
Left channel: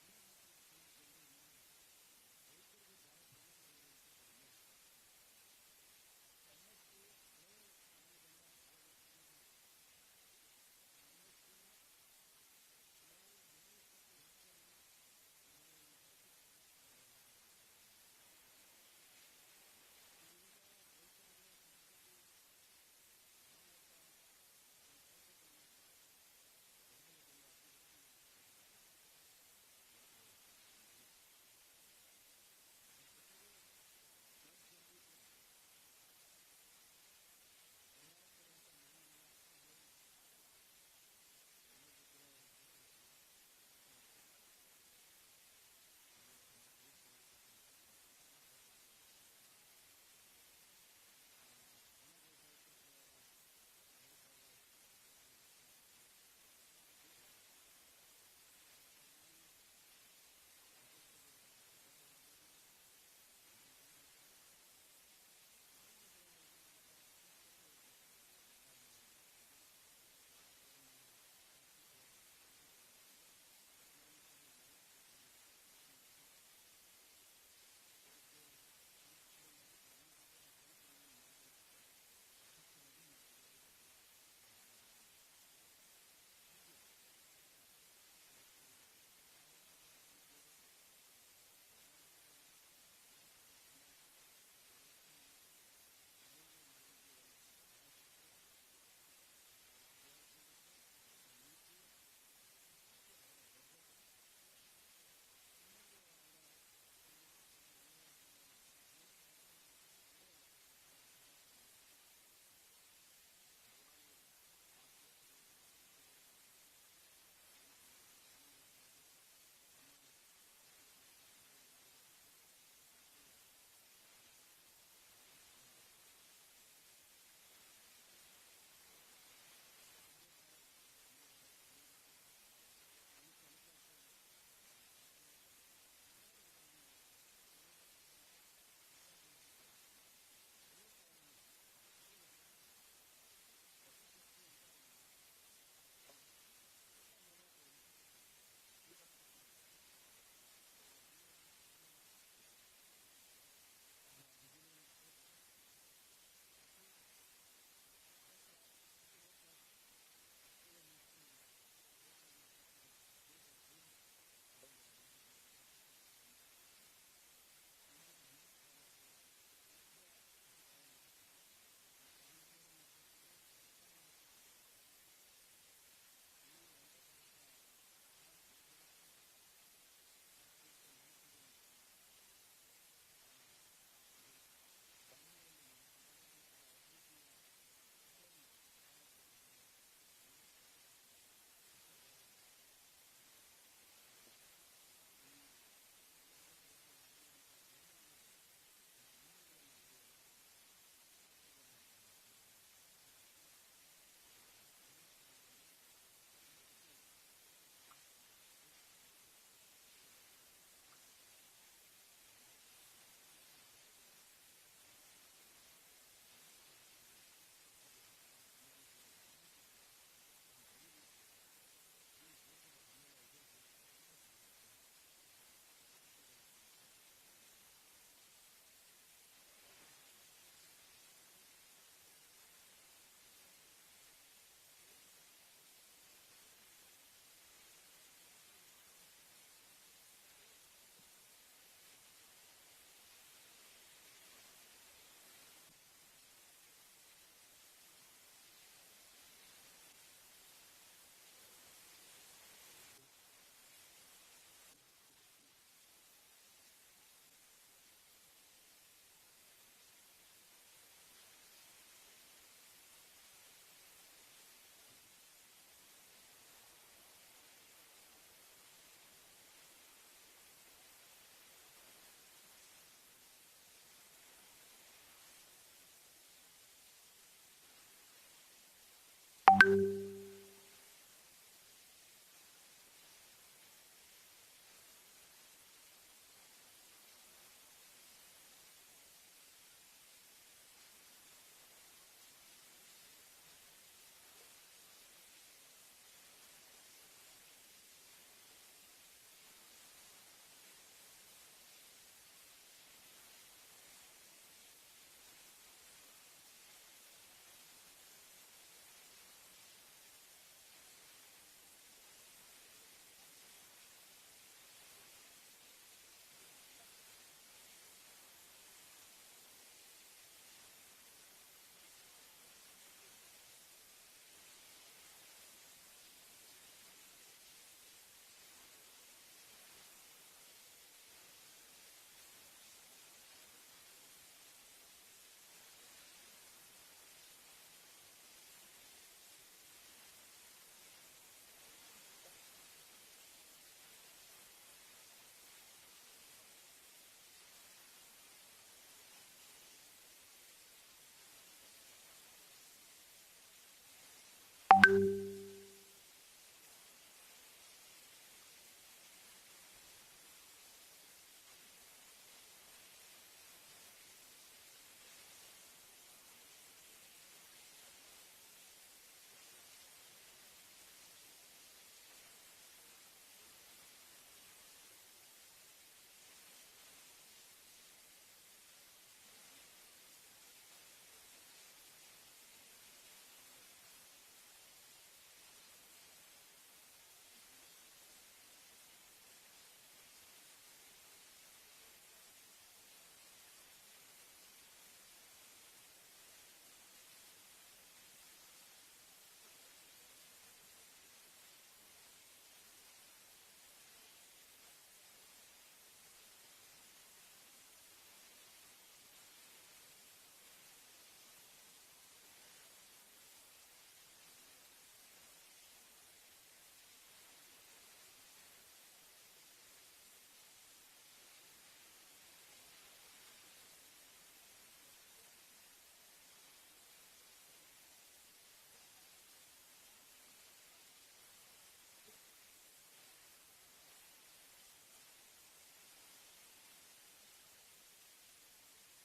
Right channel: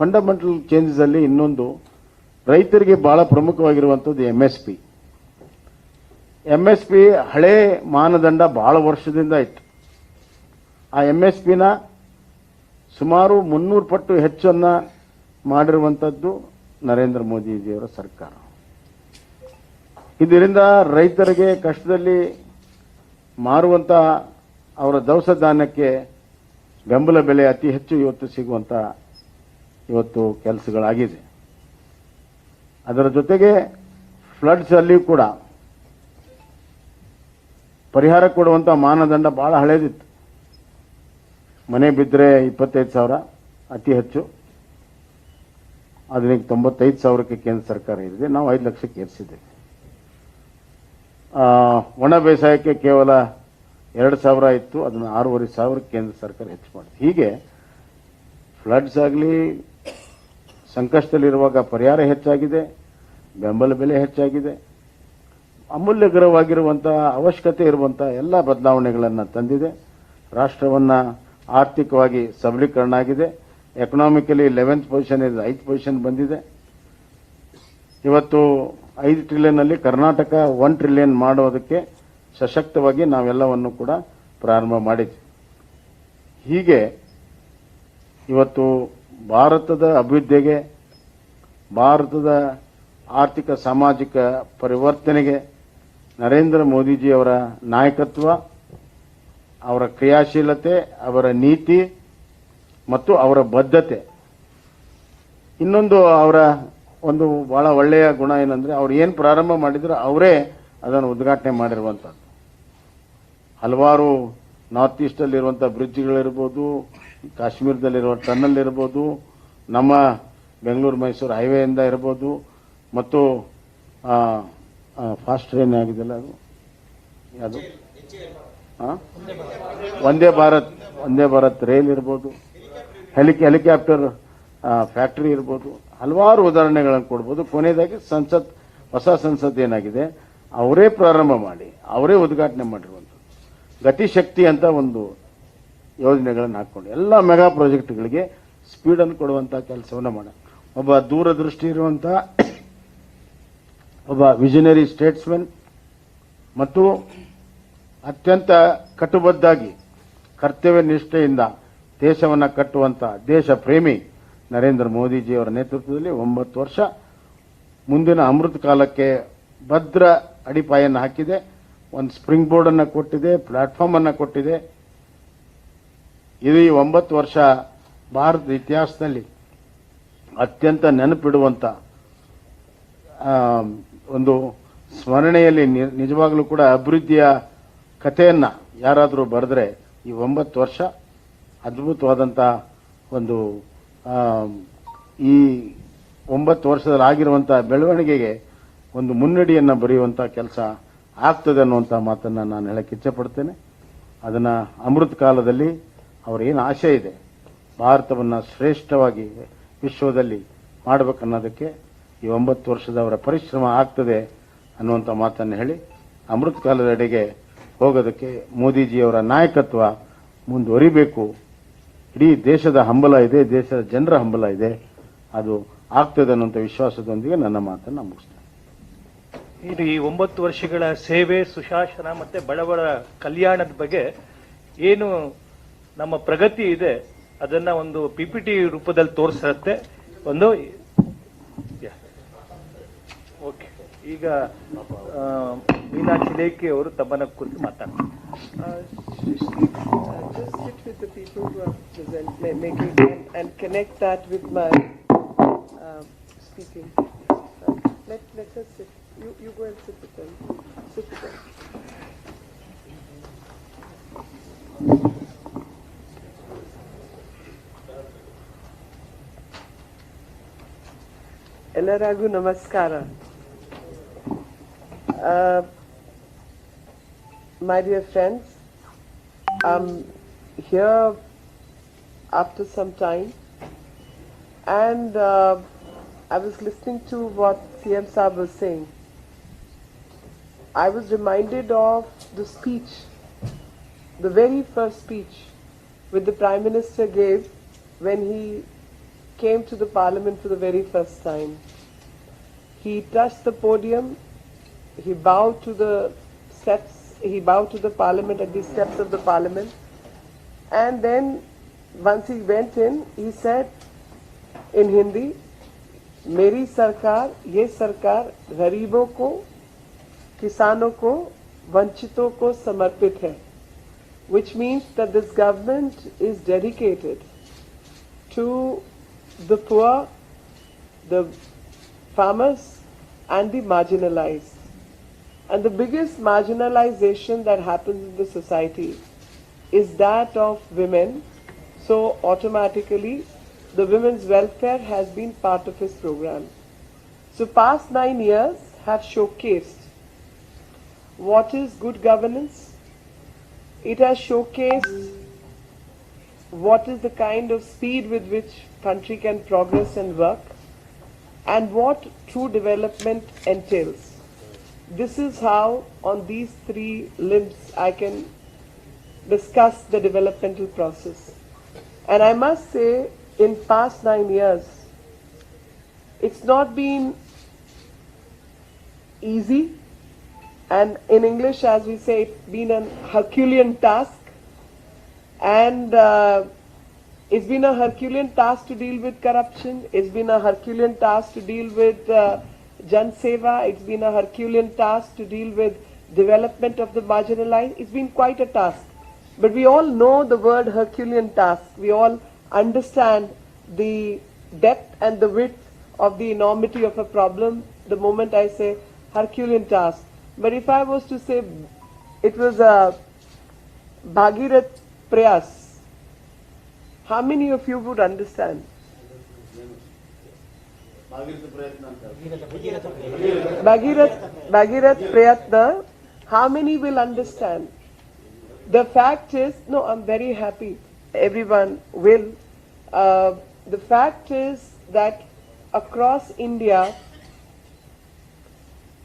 ಫಂಡಮೆಂಟಲ್ ಚೇಂಜಸ್ ಅಲ್ಲಿ ಇನ್ನೊಂದು ರೈತರಿಗೆ ಬಹಳ ಪ್ರಮುಖವಾಗಿರುವಂಥದ್ದು MSP ಹಳೆ ಮಾನದಂಡ ಬಹಳ ವರ್ಷದಿಂದ ಇತ್ತು. ಆ MSPನ ಸುಮಾರು 300 ಪಟ್ಟು ಹೆಚ್ಚನ್ನ ಮಾಡಿರುವಂಥದ್ದು ನರೇಂದ್ರ ಮೋದಿಜಿಯವರ ಸರ್ಕಾರ. ಇದರಿಂದ ರೈತರಿಗೆ ಕಷ್ಟದಲ್ಲಿ ಮಾರುವಂತ ಅವರ ದವಸ ಧಾನ್ಯಕ್ಕೆ ಬೆಂಬಲ ಬೆಲೆ ಅತಿ ಹೆಚ್ಚು ಇವತ್ತು ಸಿಗುವಂತ ಇವತ್ತು ಕೆಲಸಗಳಾಗಿದೆ. ಅದರ ಜೊತೆಗೆ ಫ್ಲಡ್ಸ್ ಅಲ್ಲಿ ಕೂಡ ಪರಿಹಾರ ಕೊಡುವಂತ ಮಾನದಂಡ ಬಹಳ ಹಳೇದಿತ್ತು. ಮನೆ ಬಿದ್ದರೆ 25,000 ಅತಿ ಹೆಚ್ಚು, ಅದಕ್ಕೆ 95,000ಕ್ಕೆ ಕೇಂದ್ರ ಸರ್ಕಾರ ಏರಿದೆ. ನಾವು 5 ಲಕ್ಷಕ್ಕೆ ಏರಿಸಿದ್ದೇವೆ. ಒಣ ಬೇಸಾಯಕ್ಕೆ ಕೇವಲ 2,000 ಇತ್ತು, ಅದನ್ನು 6,500 ಕೇಂದ್ರ ಸರ್ಕಾರ ಹೆಚ್ಚು ಮಾಡಿದೆ. ಹೀಗೆ ಫ್ಲಡ್ಸ್ ಆಗಲಿ, ಸಂಕಷ್ಟದಲ್ಲಿರುವಾಗ ಪರಿಹಾರ ಹೆಚ್ಚಾಗಿದೆ, ಬೆಂಬಲ ಬೆಲೆ ಹೆಚ್ಚಾಗಿದೆ, ಅಮೂಲ್ಯಕರವಾಗಿರುವಂತಹ ಅವಶ್ಯಕತೆ ಇರುವಂತಹ ಎಲ್ಲ ಬದಲಾವಣೆಗಳನ್ನು ತಂದಿದೆ. ರಾಷ್ಟ್ರವನ್ನ ಆರ್ಥಿಕವಾಗಿ ಸಬಲೀಕರಣ ಆಗಿದೆ. ಎಕನಾಮಿಕಲಿ 11th ಪೊಸಿಷನ್ ಇದೆ, 5th ಪೊಸಿಷನ್ ಬಂದಿದೆ. ಇವತ್ತು 5 ಟ್ರಿಲಿಯನ್ ಅಲ್ಲಿ ಕರ್ನಾಟಕ 1 ಟ್ರಿಲಿಯನ್ ಮಾಡೋದಕ್ಕೆ ಸಶಕ್ತವಾಗಿ ನಾವೆಲ್ಲವನ್ನು ಕೂಡ ಪ್ರಾರಂಭ ಮಾಡಿದ್ವಿ. ಹೀಗೆ ಇವತ್ತು ಭಾರತದ ಅಭಿವೃದ್ಧಿಗೆ, ಭಾರತದ ಆರ್ಥಿಕ ಸಾಮಾಜಿಕ ಪರಿವರ್ತನೆಗೆ ನರೇಂದ್ರ ಮೋದಿಜಿಯವರ ನಾಯಕತ್ವ, ಅವರ ಕ್ರಿಯಾಶೀಲತೆ, ಅವರ ನೀತಿ ಮತ್ತು ಅವರ ಬದ್ಧತೆ. ಇನ್ನೊಂದು ಅವರ ಒಂದು ಬಹಳ ಒಳ್ಳೆಯ ಗುಣ ಏನಂದ್ರೆ, ಅವ್ರು ಏನು ಪ್ರಾರಂಭ ಮಾಡಿದ್ರು ಅವರೇ ಅದನ್ನು ಉದ್ಘಾಟನೆ ಮಾಡಿರುವಂಥದ್ದು. ಹಲವಾರು ನಾರ್ತ್ ಈಸ್ಟಲ್ಲಿರುವಂಥ ಬ್ರಿಡ್ಜ್ಗಳಿರ್ಬೋದು, ಕಾಶ್ಮೀರದಲ್ಲಿರುವ ಟನಲ್ ಇರ್ಬೋದು, ನಮ್ಮ ಬೆಂಗಳೂರು ಮೈಸೂರು ಹೈವೇಯಿಂದ ಇರ್ಬೋದು, ಮತ್ತು ಫಾಸ್ಟ್ ಟ್ರೈನ್ ಆಗಿದೆಲ್ಲ ಅದು ಯಾವುದು, ವಂದೇ ಭಾರತ್ ರೈಲ್ ಇರ್ಬೋದು, ಹೆಲಿಕಾಪ್ಟರ್ ಫ್ಯಾಕ್ಟರಿ ಇರ್ಬೋದು, ಹಲವಾರು ಉದಾಹರಣೆಗಳನ್ನು ಕೊಡ್ಬೋದು. ಕೊನೆಯದಾಗಿ ಹೊಸ ಸಂಸತ್ ಏನಾಗಿದೆ ಅವರೇ ಪ್ರಾರಂಭ ಮಾಡಿ ಅವರೇ ಉದ್ಘಾಟನೆ ಮಾಡಿರುವಂಥದ್ದು. ಗತಿಶಕ್ತಿ ಅಂತ ಒಂದು ಯೋಜನೆಗಳನ್ನು ಹಾಕ್ಕೊಂಡು ಎಲ್ಲ ಮೆಗಾ ಪ್ರಾಜೆಕ್ಟ್ಗಳಿಗೆ ಸ್ಪೀಡನ್ನು ಕೊಡುವಂಥ ಕೆಲಸವನ್ನು ಮಾಡ, ಒಬ್ಬ ದೂರದೃಷ್ಟಿ ಇರುವಂಥ ಒಬ್ಬ ವಿಷನರಿ ಸ್ಟೇಟ್ಸ್ಮನ್ ಮತ್ತು ಅತ್ಯಂತ ಕಟ್ಟುಬದ್ಧಾಗಿ ಕರ್ತವ್ಯ ನಿಷ್ಠೆಯಿಂದ ದೇಶವನ್ನು ಕಟ್ಟುವಂಥ ದೇಶ ಪ್ರೇಮಿ ನರೇಂದ್ರ ಮೋದಿಜಿಯವರ ನೇತೃತ್ವದಲ್ಲಿ 9 ವರ್ಷ ಮುಂದಿನ ಅಮೃತ ಕಾಲಕ್ಕೆ ಭದ್ರ ಅಡಿಪಾಯನ್ನು ಹಾಕಿದೆ. ಒಂದು ಸ್ಪ್ರಿಂಗ್ ಬೋರ್ಡ್ ಅನ್ನು ಕೊಟ್ಟಿದೆ, ಪ್ಲಾಟ್ಫಾರ್ಮ್ ಅನ್ನು ಕೊಟ್ಟಿದೆ. ಇದು ಈ 9 ವರ್ಷ ಭಾರತದ ಇತಿಹಾಸದಲ್ಲಿ ಅತ್ಯಂತ ನೆನಪಿಡುವಂಥ ಒಂದು ಸ್ಮರಣೆಯಲ್ಲಿ ನಿಜವಾಗಲೂ ಕೂಡ ಅಭಿವೃದ್ಧಿಯ ಕಥೆಯನ್ನು ಯಾರಾದರೂ ಬರೆದ್ರೆ ಈ 9 ವರ್ಷ ಅದ್ಭುತವಾದಂಥ ಒಂದು ಈ 9 ವರ್ಷದಲ್ಲಿ ಆಗಿರುವಂಥ ಬೆಳವಣಿಗೆಗೆ ಒಂದು ಮುನ್ನಡಿಯನ್ನು ಬರೆಯುವಂಥ ಕೆಲಸ ಆಗ್ತದೆ ಅನ್ನುವಂಥ ಮಾತನ್ನು ನಾನು ಹೇಳಕ್ಕೆ ಇಚ್ಛೆಪಡ್ತೇನೆ. ಅದನ್ನು ಅಮೃತ ಕಾಲದಲ್ಲಿ ಅವರ ಏನು ಆಶೆ ಇದೆ, ಭಾರತವನ್ನು ಶ್ರೇಷ್ಠವಾಗಿ ವಿಶ್ವದಲ್ಲಿ ಮಾಡಬೇಕನ್ನೋದಕ್ಕೆ ಈ 9 ವರ್ಷದ ಅವರ ಪರಿಶ್ರಮ ಆಗ್ತದೆ ಅನ್ನುವಂಥ ಮಾತನ್ನು ಹೇಳಿ, ಅಮೃತ ಕಾಲದೆಡೆಗೆ ಹೋಗೋದಕ್ಕೆ ಮೋದಿಜಿಯವರ ನಾಯಕತ್ವ ಮುಂದುವರಿಬೇಕು. ಇಡೀ ದೇಶದ ಹಂಬಲ ಇದೆ, ದೇಶದ ಜನರ ಹಂಬಲ ಇದೆ, ಅದು ಆಗ್ತದೆ ಅನ್ನುವಂಥ ವಿಶ್ವಾಸದೊಂದಿಗೆ ನನ್ನ ಮಾತನ್ನು ಮುಗಿಸ್ತೇನೆ. ಇದು ಈ 9 ವರ್ಷಗಳ ಸೇವೆ, ಸುಶಾಸನ ಮತ್ತೆ ಬಡವರ ಕಲ್ಯಾಣದ ಬಗ್ಗೆ ಏನು ನಮ್ಮ ಪ್ರಗತಿ ಇದೆ ಅದನ್ನ ಒಂದು ಪಿಪಿಟಿ ರೂಪದಲ್ಲಿ ತೋರಿಸುತ್ತೆ. ಒಂದು ಓಕೆ, ಈಗ ಮೀನಾಕ್ಷಿ ಲೇಖಿ ಅವರು ತಮ್ಮನ್ನ ಕುರಿತು ಮಾತಾಡ್ತಾರೆ. Just sit with the people who are making and connect that with my speaking. Let us sit. You go and sit with them. Sit with them. Ellaragu namaskara. My dear friends, I'm here after some time, and I was listening to what CM Saab was saying. I was reminded of the speech, the very first speech which the Prime Minister gave when he came to the Parliament for the very first time. He touched the podium, he bowed to the steps, he bowed to the Parliament at the steps of the Parliament, and then once he went in, he said in Hindi, मेरी सरकार, ये सरकार गरीबों को, किसानों को, वंचितों को समर्पित है, which means that this government is dedicated to the poor, the farmers and the marginalized. And the biggest marginalization that happens in the society is that of women. So automatically the women's welfare has been part of his program. So past 9 years have showcased what is good governance. It has showcased what is the kind of speed with which country can progress and work, and what true development entails. This is how on these 3 limbs I can discuss the developmental process. And I must say, in past 9 years, it's not been easy, and in English, as we say, it's been an Herculean task. And it's been a Herculean task to deal with corruption. It's been a Herculean task to deal with Jan Seva. It's been a Herculean task to deal with development of the marginalized. It's been quite a task. But we all know the word Herculean task. We all understand the depth and the width of the enormity of a problem the moment I say Herculean task. But if I was to say it was a Bhagirath Prayas, how many of you would understand? Bhagirath Prayatna, how many will understand? The fact is, no, I'm very happy everyone will. The fact is that across India,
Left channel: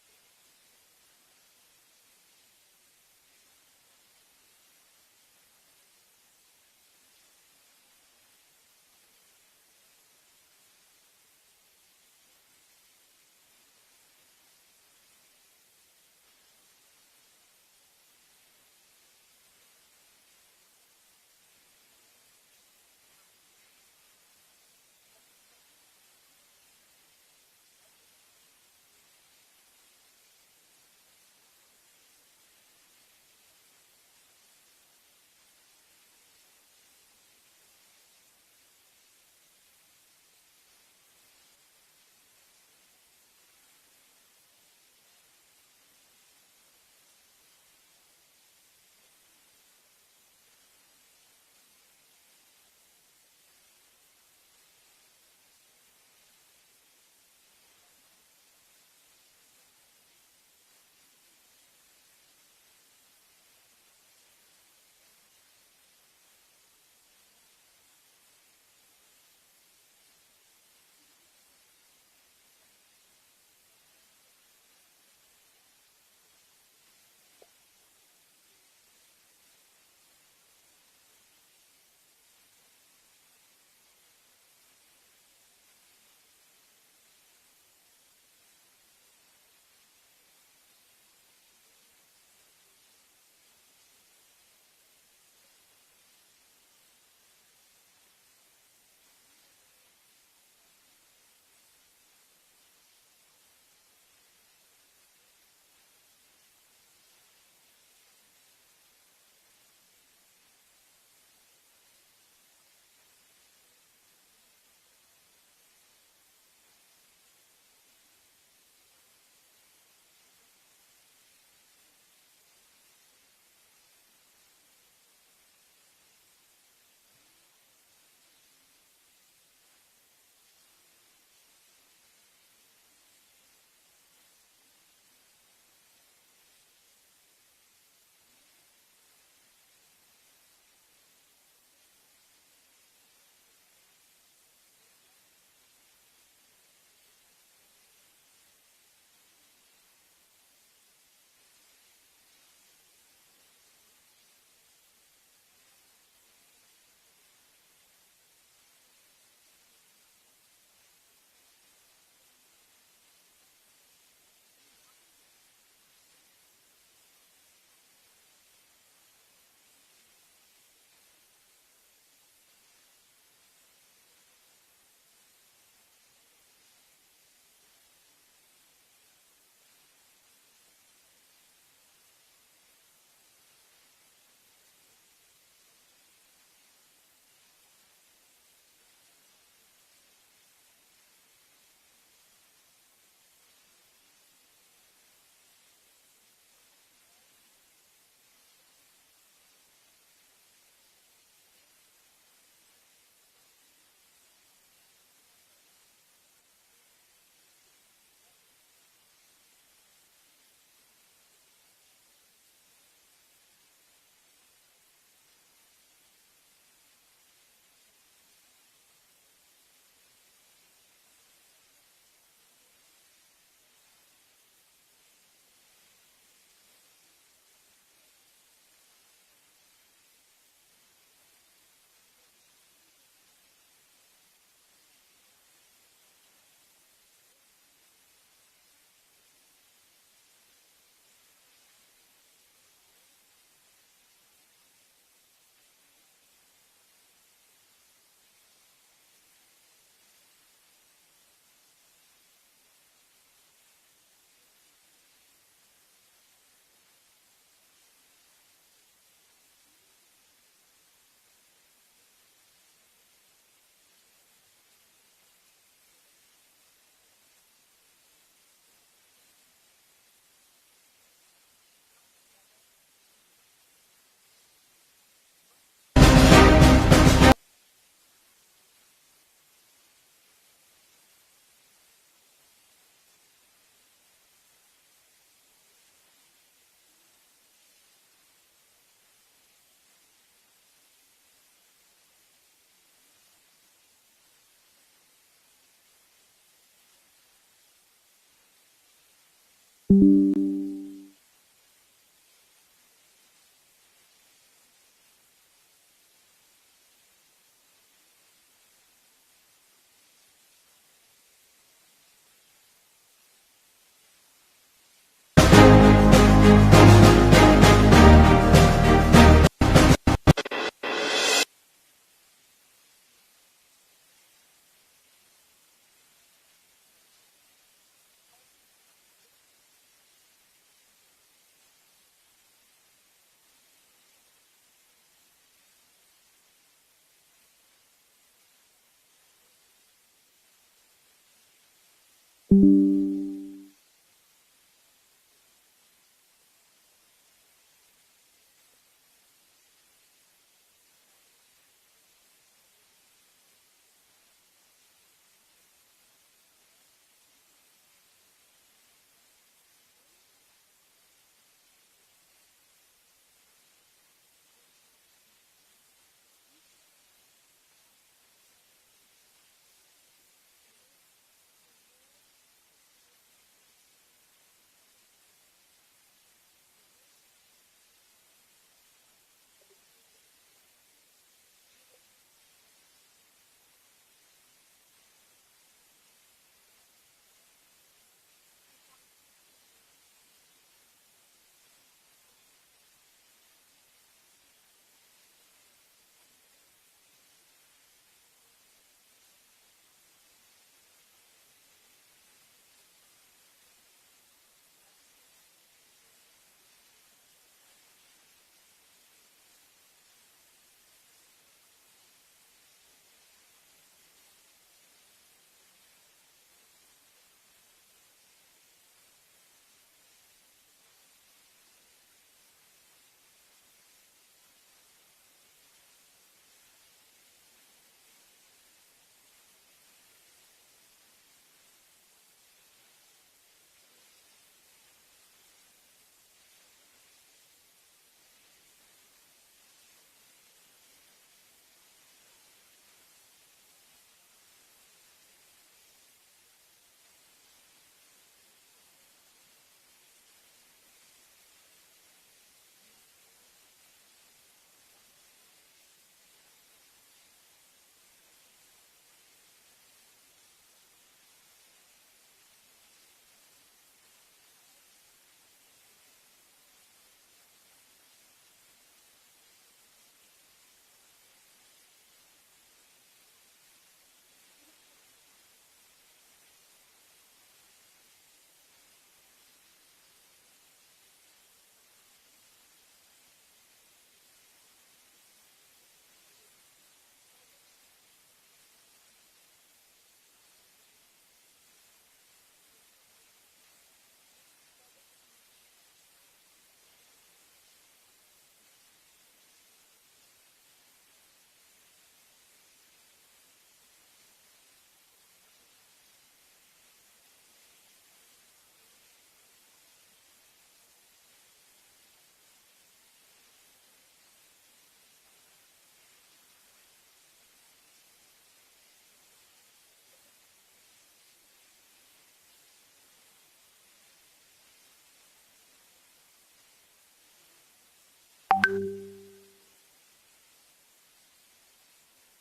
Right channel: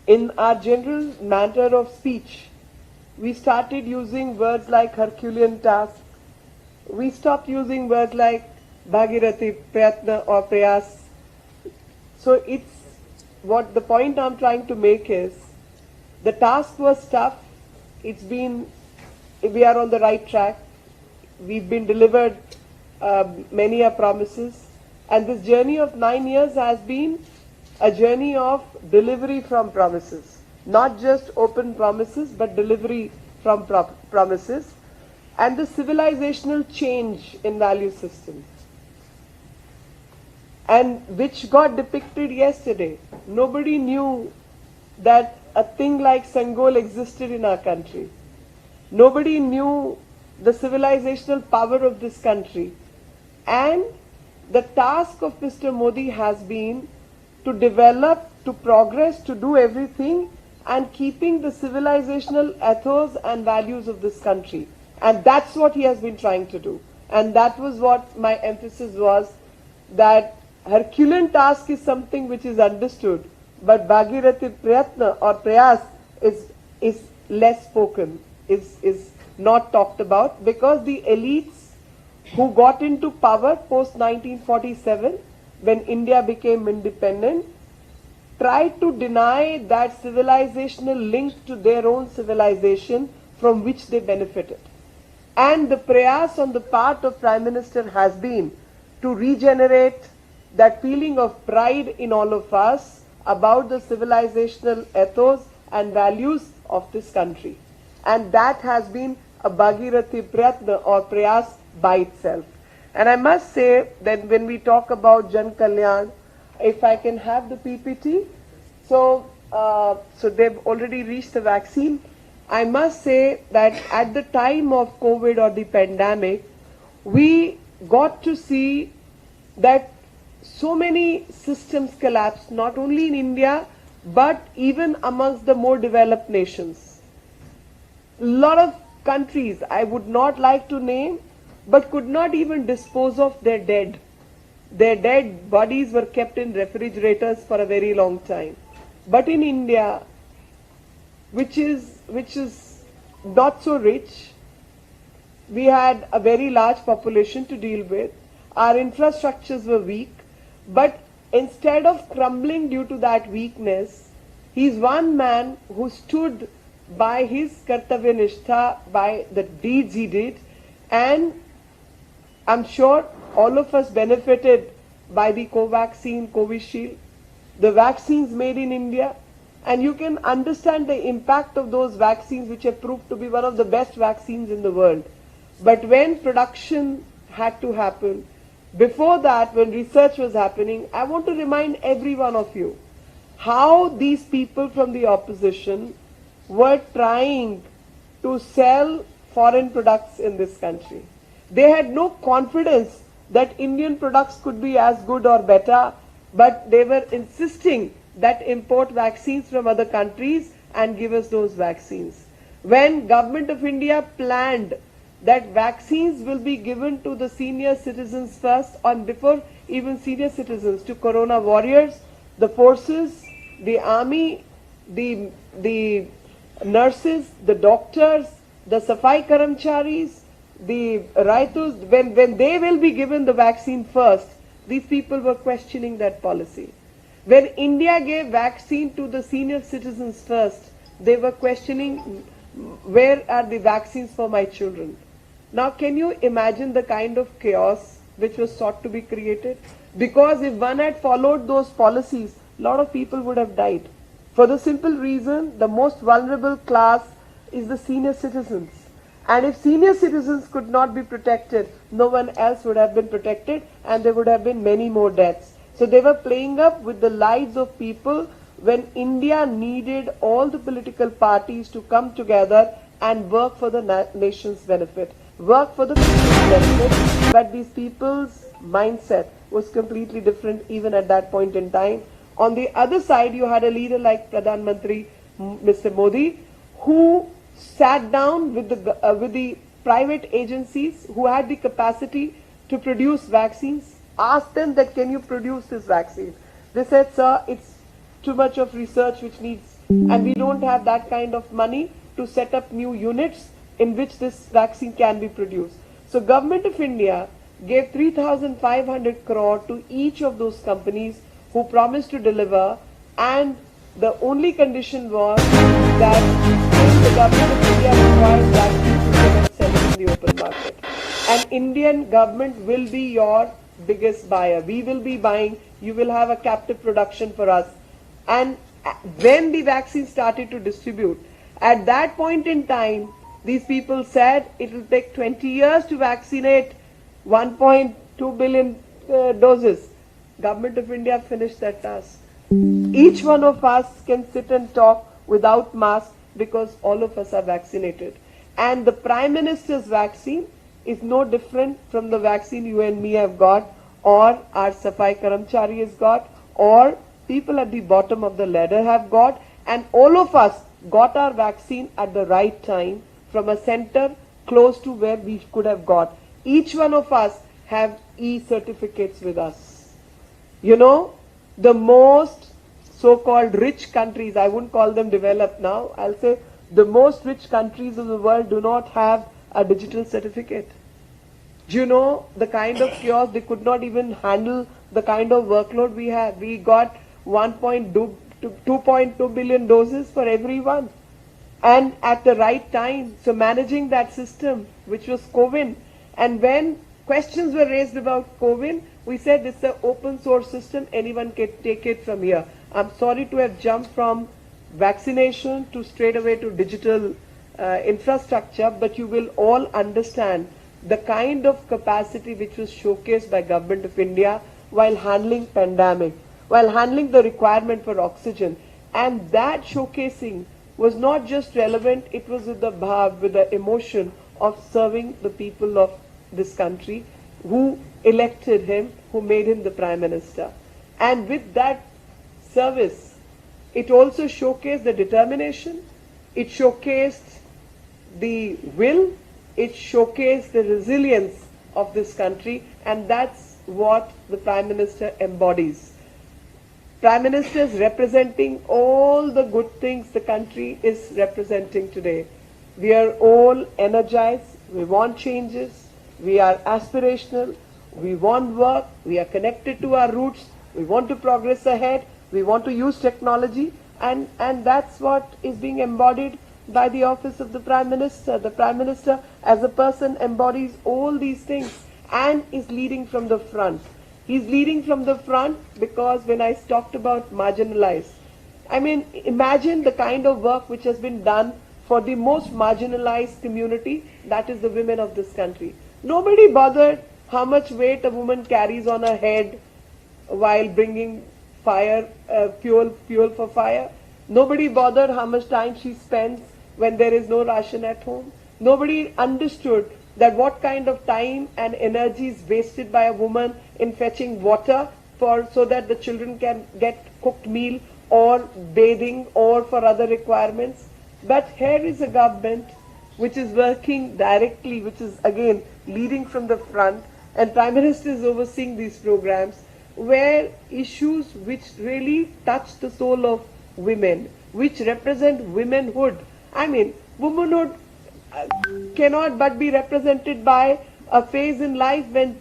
in our general matter of speech, we started using words like Herculean task. We stopped using words like Bhagirathi, Prayatna or Prayas. So it's what the point I'm trying to make is, the task was tough. We are on the right track. We've been delivered many promises. And this journey of 9 years has been a journey of delivery from promises. Not just open promises, but delivery from promises. And the civilizational change in value systems. And which got depicted yesterday. Nobody knew that a thing like Sangol existed in our country. Nobody knew the civilizational power of this country. And the task of Mr. Modi has been to develop, to progress, to do everything and keeping the civilizational ethos and values of this country. And that's what he has been trying to do. And that was what my emphasis was, that Herculean task is something which is understood, but Bhagirathi Prayatna or Prayas is less spoken, is not talked about, because the elites who got into power post 1947, when India became independent, tried to deny that civilizational link to their own civilization from which they benefited. And the prayas on the part of Prime Minister has been to regenerate that feeling of pride in all of us about the civilizational ethos and values of this country. And that has been a Bhagirathi Prayatna or Prayas by itself. And I must say that when we talk about Jan Kalyan, if I can have the PPT. So they've already reached the vaccine. I must say that at the time of COVID or the pandemic, we got to see that so many systems collapsed, not only in India, but even amongst the more developed nations. A lot of countries, I would not like to name, but could not even dispose of their dead. Their dead bodies were kept in refrigerators for a very long time. But in India, which is not so rich, we had a very large population to deal with. Our infrastructures were weak, but instead of crumbling due to that weakness, he's one man who stood by his Kartavya Nishtha, by the deeds he did, and I'm sure all of us benefited by the Covaxin, Covishield, the vaccines made in India, and you can understand the impact of those vaccines, which have proved to be one of the best vaccines in the world. But when production had to happen, before that, when research was happening, I want to remind every one of you how these people from the opposition were trying to sell foreign products in this country. They had no confidence that Indian products could be as good or better, but they were insisting that import vaccines from other countries and give us those vaccines. When Government of India planned that vaccines will be given to the senior citizens first, and before even senior citizens, to corona warriors, the forces, the army, the nurses, the doctors, the Safai Karamcharis, the Raitus, when they will be given the vaccine first, these people were questioning that policy. When India gave vaccine to the senior citizens first, they were questioning, where are the vaccines for my children? Now, can you imagine the kind of chaos which was sought to be created? Because if one had followed those policies, a lot of people would have died. For the simple reason, the most vulnerable class is the senior citizens. And if senior citizens could not be protected, no one else would have been protected, and there would have been many more deaths. So they were playing up with the lives of people when India needed all the political parties to come together and work for the nation's benefit, work for the people's benefit. But these people's mindset was completely different even at that point in time. On the other side, you had a leader like Pradhan Mantri, Mr. Modi, who sat down with the private agencies who had the capacity to produce vaccines, asked them that, can you produce this vaccine? They said, sir, it's too much of research which needs, and we don't have that kind of money to set up new units in which this vaccine can be produced. So Government of India gave 3,500 crore to each of those companies who promised to deliver, and the only condition was that the Government of India required vaccines to be sell in the open market. And Indian government will be your biggest buyer. We will be buying, you will have a captive production for us. And when the vaccine started to distribute, at that point in time, these people said it will take 20 years to vaccinate 1.2 billion doses. Government of India finished that task. Each one of us can sit and talk without mask because all of us are vaccinated. And the Prime Minister's vaccine is no different from the vaccine you and me have got, or our Safai Karamchari has got, or people at the bottom of the ladder have got, and all of us got our vaccine at the right time from a center close to where we could have got. Each one of us have e-certificates with us. You know, the most so-called rich countries, I wouldn't call them developed now, I'll say the most rich countries of the world do not have a digital certificate. Do you know the kind of chaos? They could not even handle the kind of workload we have. We got 2.2 billion doses for everyone, and at the right time. So managing that system, which was COVID, and when questions were raised about COVID, we said it's an open source system, anyone can take it from here. I'm sorry to have jumped from vaccination to straight away to digital infrastructure, but you will all understand the kind of capacity which was showcased by Government of India while handling pandemic, while handling the requirement for oxygen. And that showcasing was not just relevant, it was with the bhav, with the emotion of serving the people of this country who elected him, who made him the Prime Minister. And with that service, it also showcased the determination, it showcased the will, it showcased the resilience of this country, and that's what the Prime Minister embodies. Prime Minister is representing all the good things the country is representing today. We are all energized, we want changes, we are aspirational, we want work, we are connected to our roots, we want to progress ahead, we want to use technology, and that's what is being embodied by the office of the Prime Minister. The Prime Minister as a person embodies all these things and is leading from the front. He's leading from the front because when I talked about marginalized, I mean, imagine the kind of work which has been done for the most marginalized community, that is the women of this country. Nobody bothered how much weight a woman carries on her head while bringing fire, fuel for fire. Nobody bothered how much time she spends when there is no ration at home. Nobody understood that what kind of time and energy is wasted by a woman in fetching water so that the children can get cooked meal or bathing or for other requirements. But here is a government which is working directly, which is again leading from the front, and Prime Minister is overseeing these programs where issues which really touch the soul of women, which represent womanhood. I mean, womanhood cannot but be represented by a phase in life when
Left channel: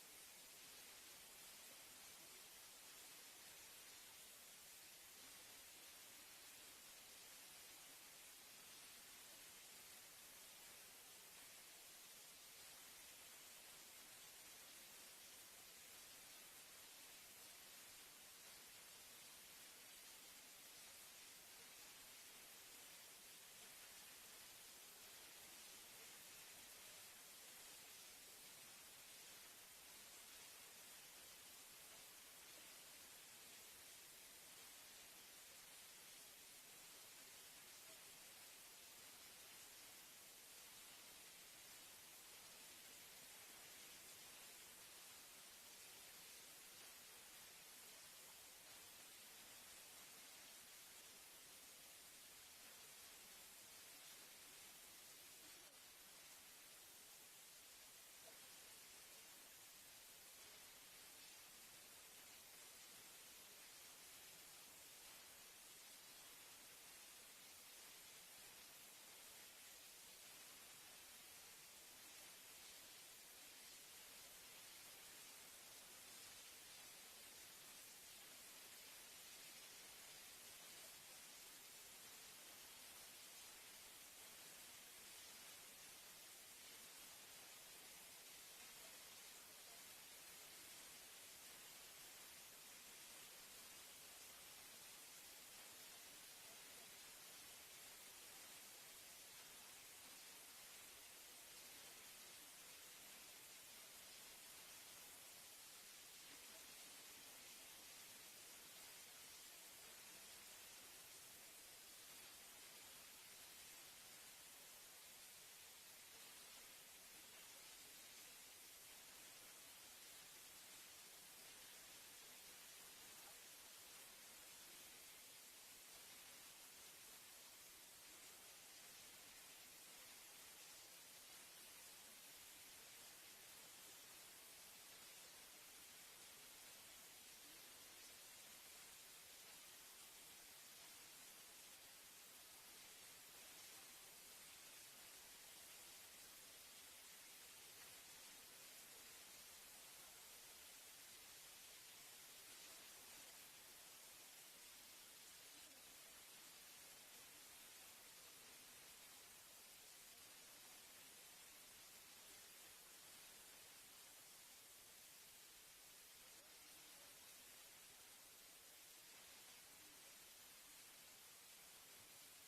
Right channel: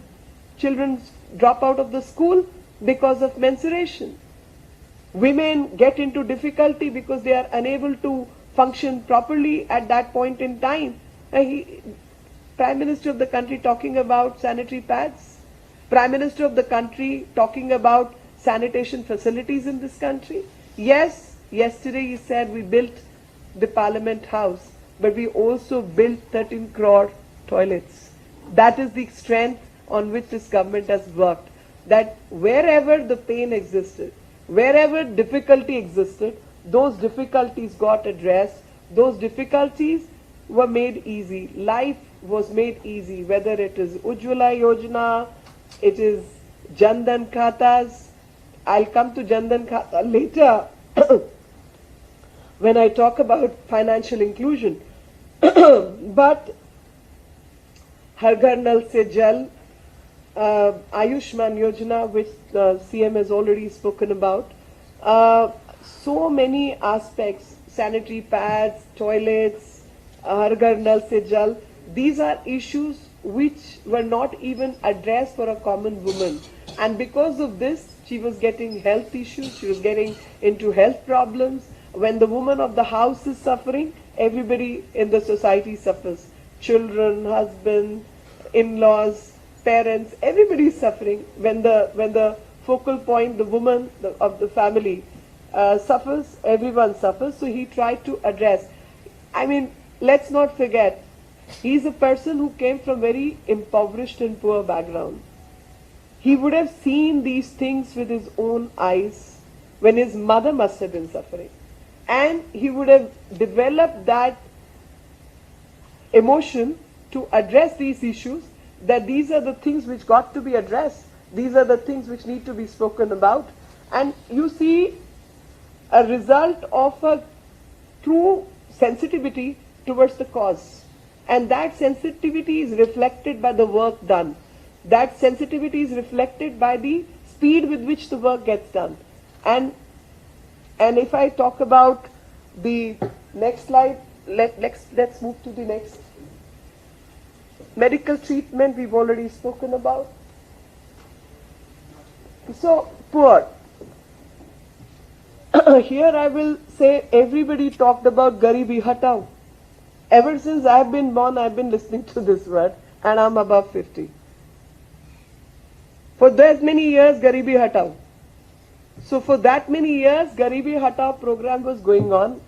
children drop out of the school because of menstruation. Women get into difficulty because they are unable to function properly at that point in time. Prime Minister of the country talking about sanitary pads? Prime Minister of the country talking about sanitation facilities in this country? Yes, yesterday he said we built the Parliament House, but we also built 13 crore toilets. That is the strength on which this government has worked. That wherever the pain existed, wherever difficulty existed, those difficulties got addressed, those difficulties were made easy. Life was made easy, whether it is Ujjwala Yojana, it is Jan Dhan Khatas. I'll come to Jan Dhan Khata later when I talk about financial inclusion. But Har Ghar Nal Se Jal, Ayushman Yojana, which the CM has already spoken about, so many aspects, sanitary pads, toilets, Har Ghar Nal Se Jal, these are issues which were not even addressed for a common woman. And because of this, she was getting health issues, she was getting into health problems. When the woman of the house is suffering, everybody in the society suffers. Children, husband, in-laws, parents, everybody is suffering. When the focal point, the woman of the family suffers, everyone suffers. So he tried to address. I mean, let's not forget, he's a person who came from very impoverished and poor background. He would have seen these things with his own eyes when his mother must have been suffering. And he would have developed that emotion to address these issues, that these are the things which got to be addressed. These are the things which need to be spoken about. And you see a result of a true sensitivity towards the cause. And that sensitivity is reflected by the work done. That sensitivity is reflected by the speed with which the work gets done. And if I talk about the next slide, let's move to the next. Medical treatment, we've already spoken about. So, poor. Here I will say everybody talked about Garibi Hatao. Ever since I've been born, I've been listening to this word, and I'm above 50. For that many years, Garibi Hatao. So for that many years, Garibi Hatao program was going on,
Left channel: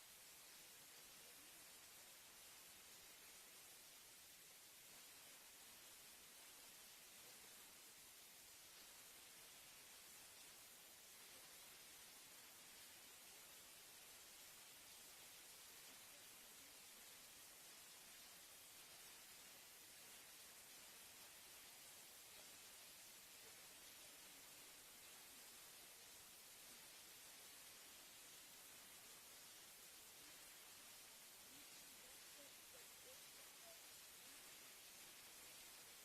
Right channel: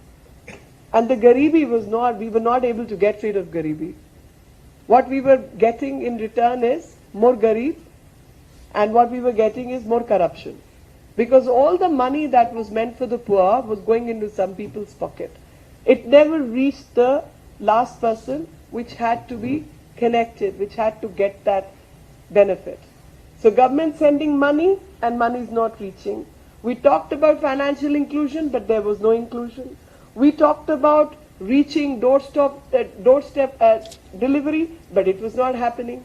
and the Garibi was not, we were not able to get rid of Garibi. What we were getting in return is more Garib, and what we were getting is more corruption. Because all the money that was meant for the poor was going into some people's pocket. It never reached the last person which had to be connected, which had to get that benefit. So government sending money and money is not reaching. We talked about financial inclusion, but there was no inclusion. We talked about reaching doorstep delivery, but it was not happening.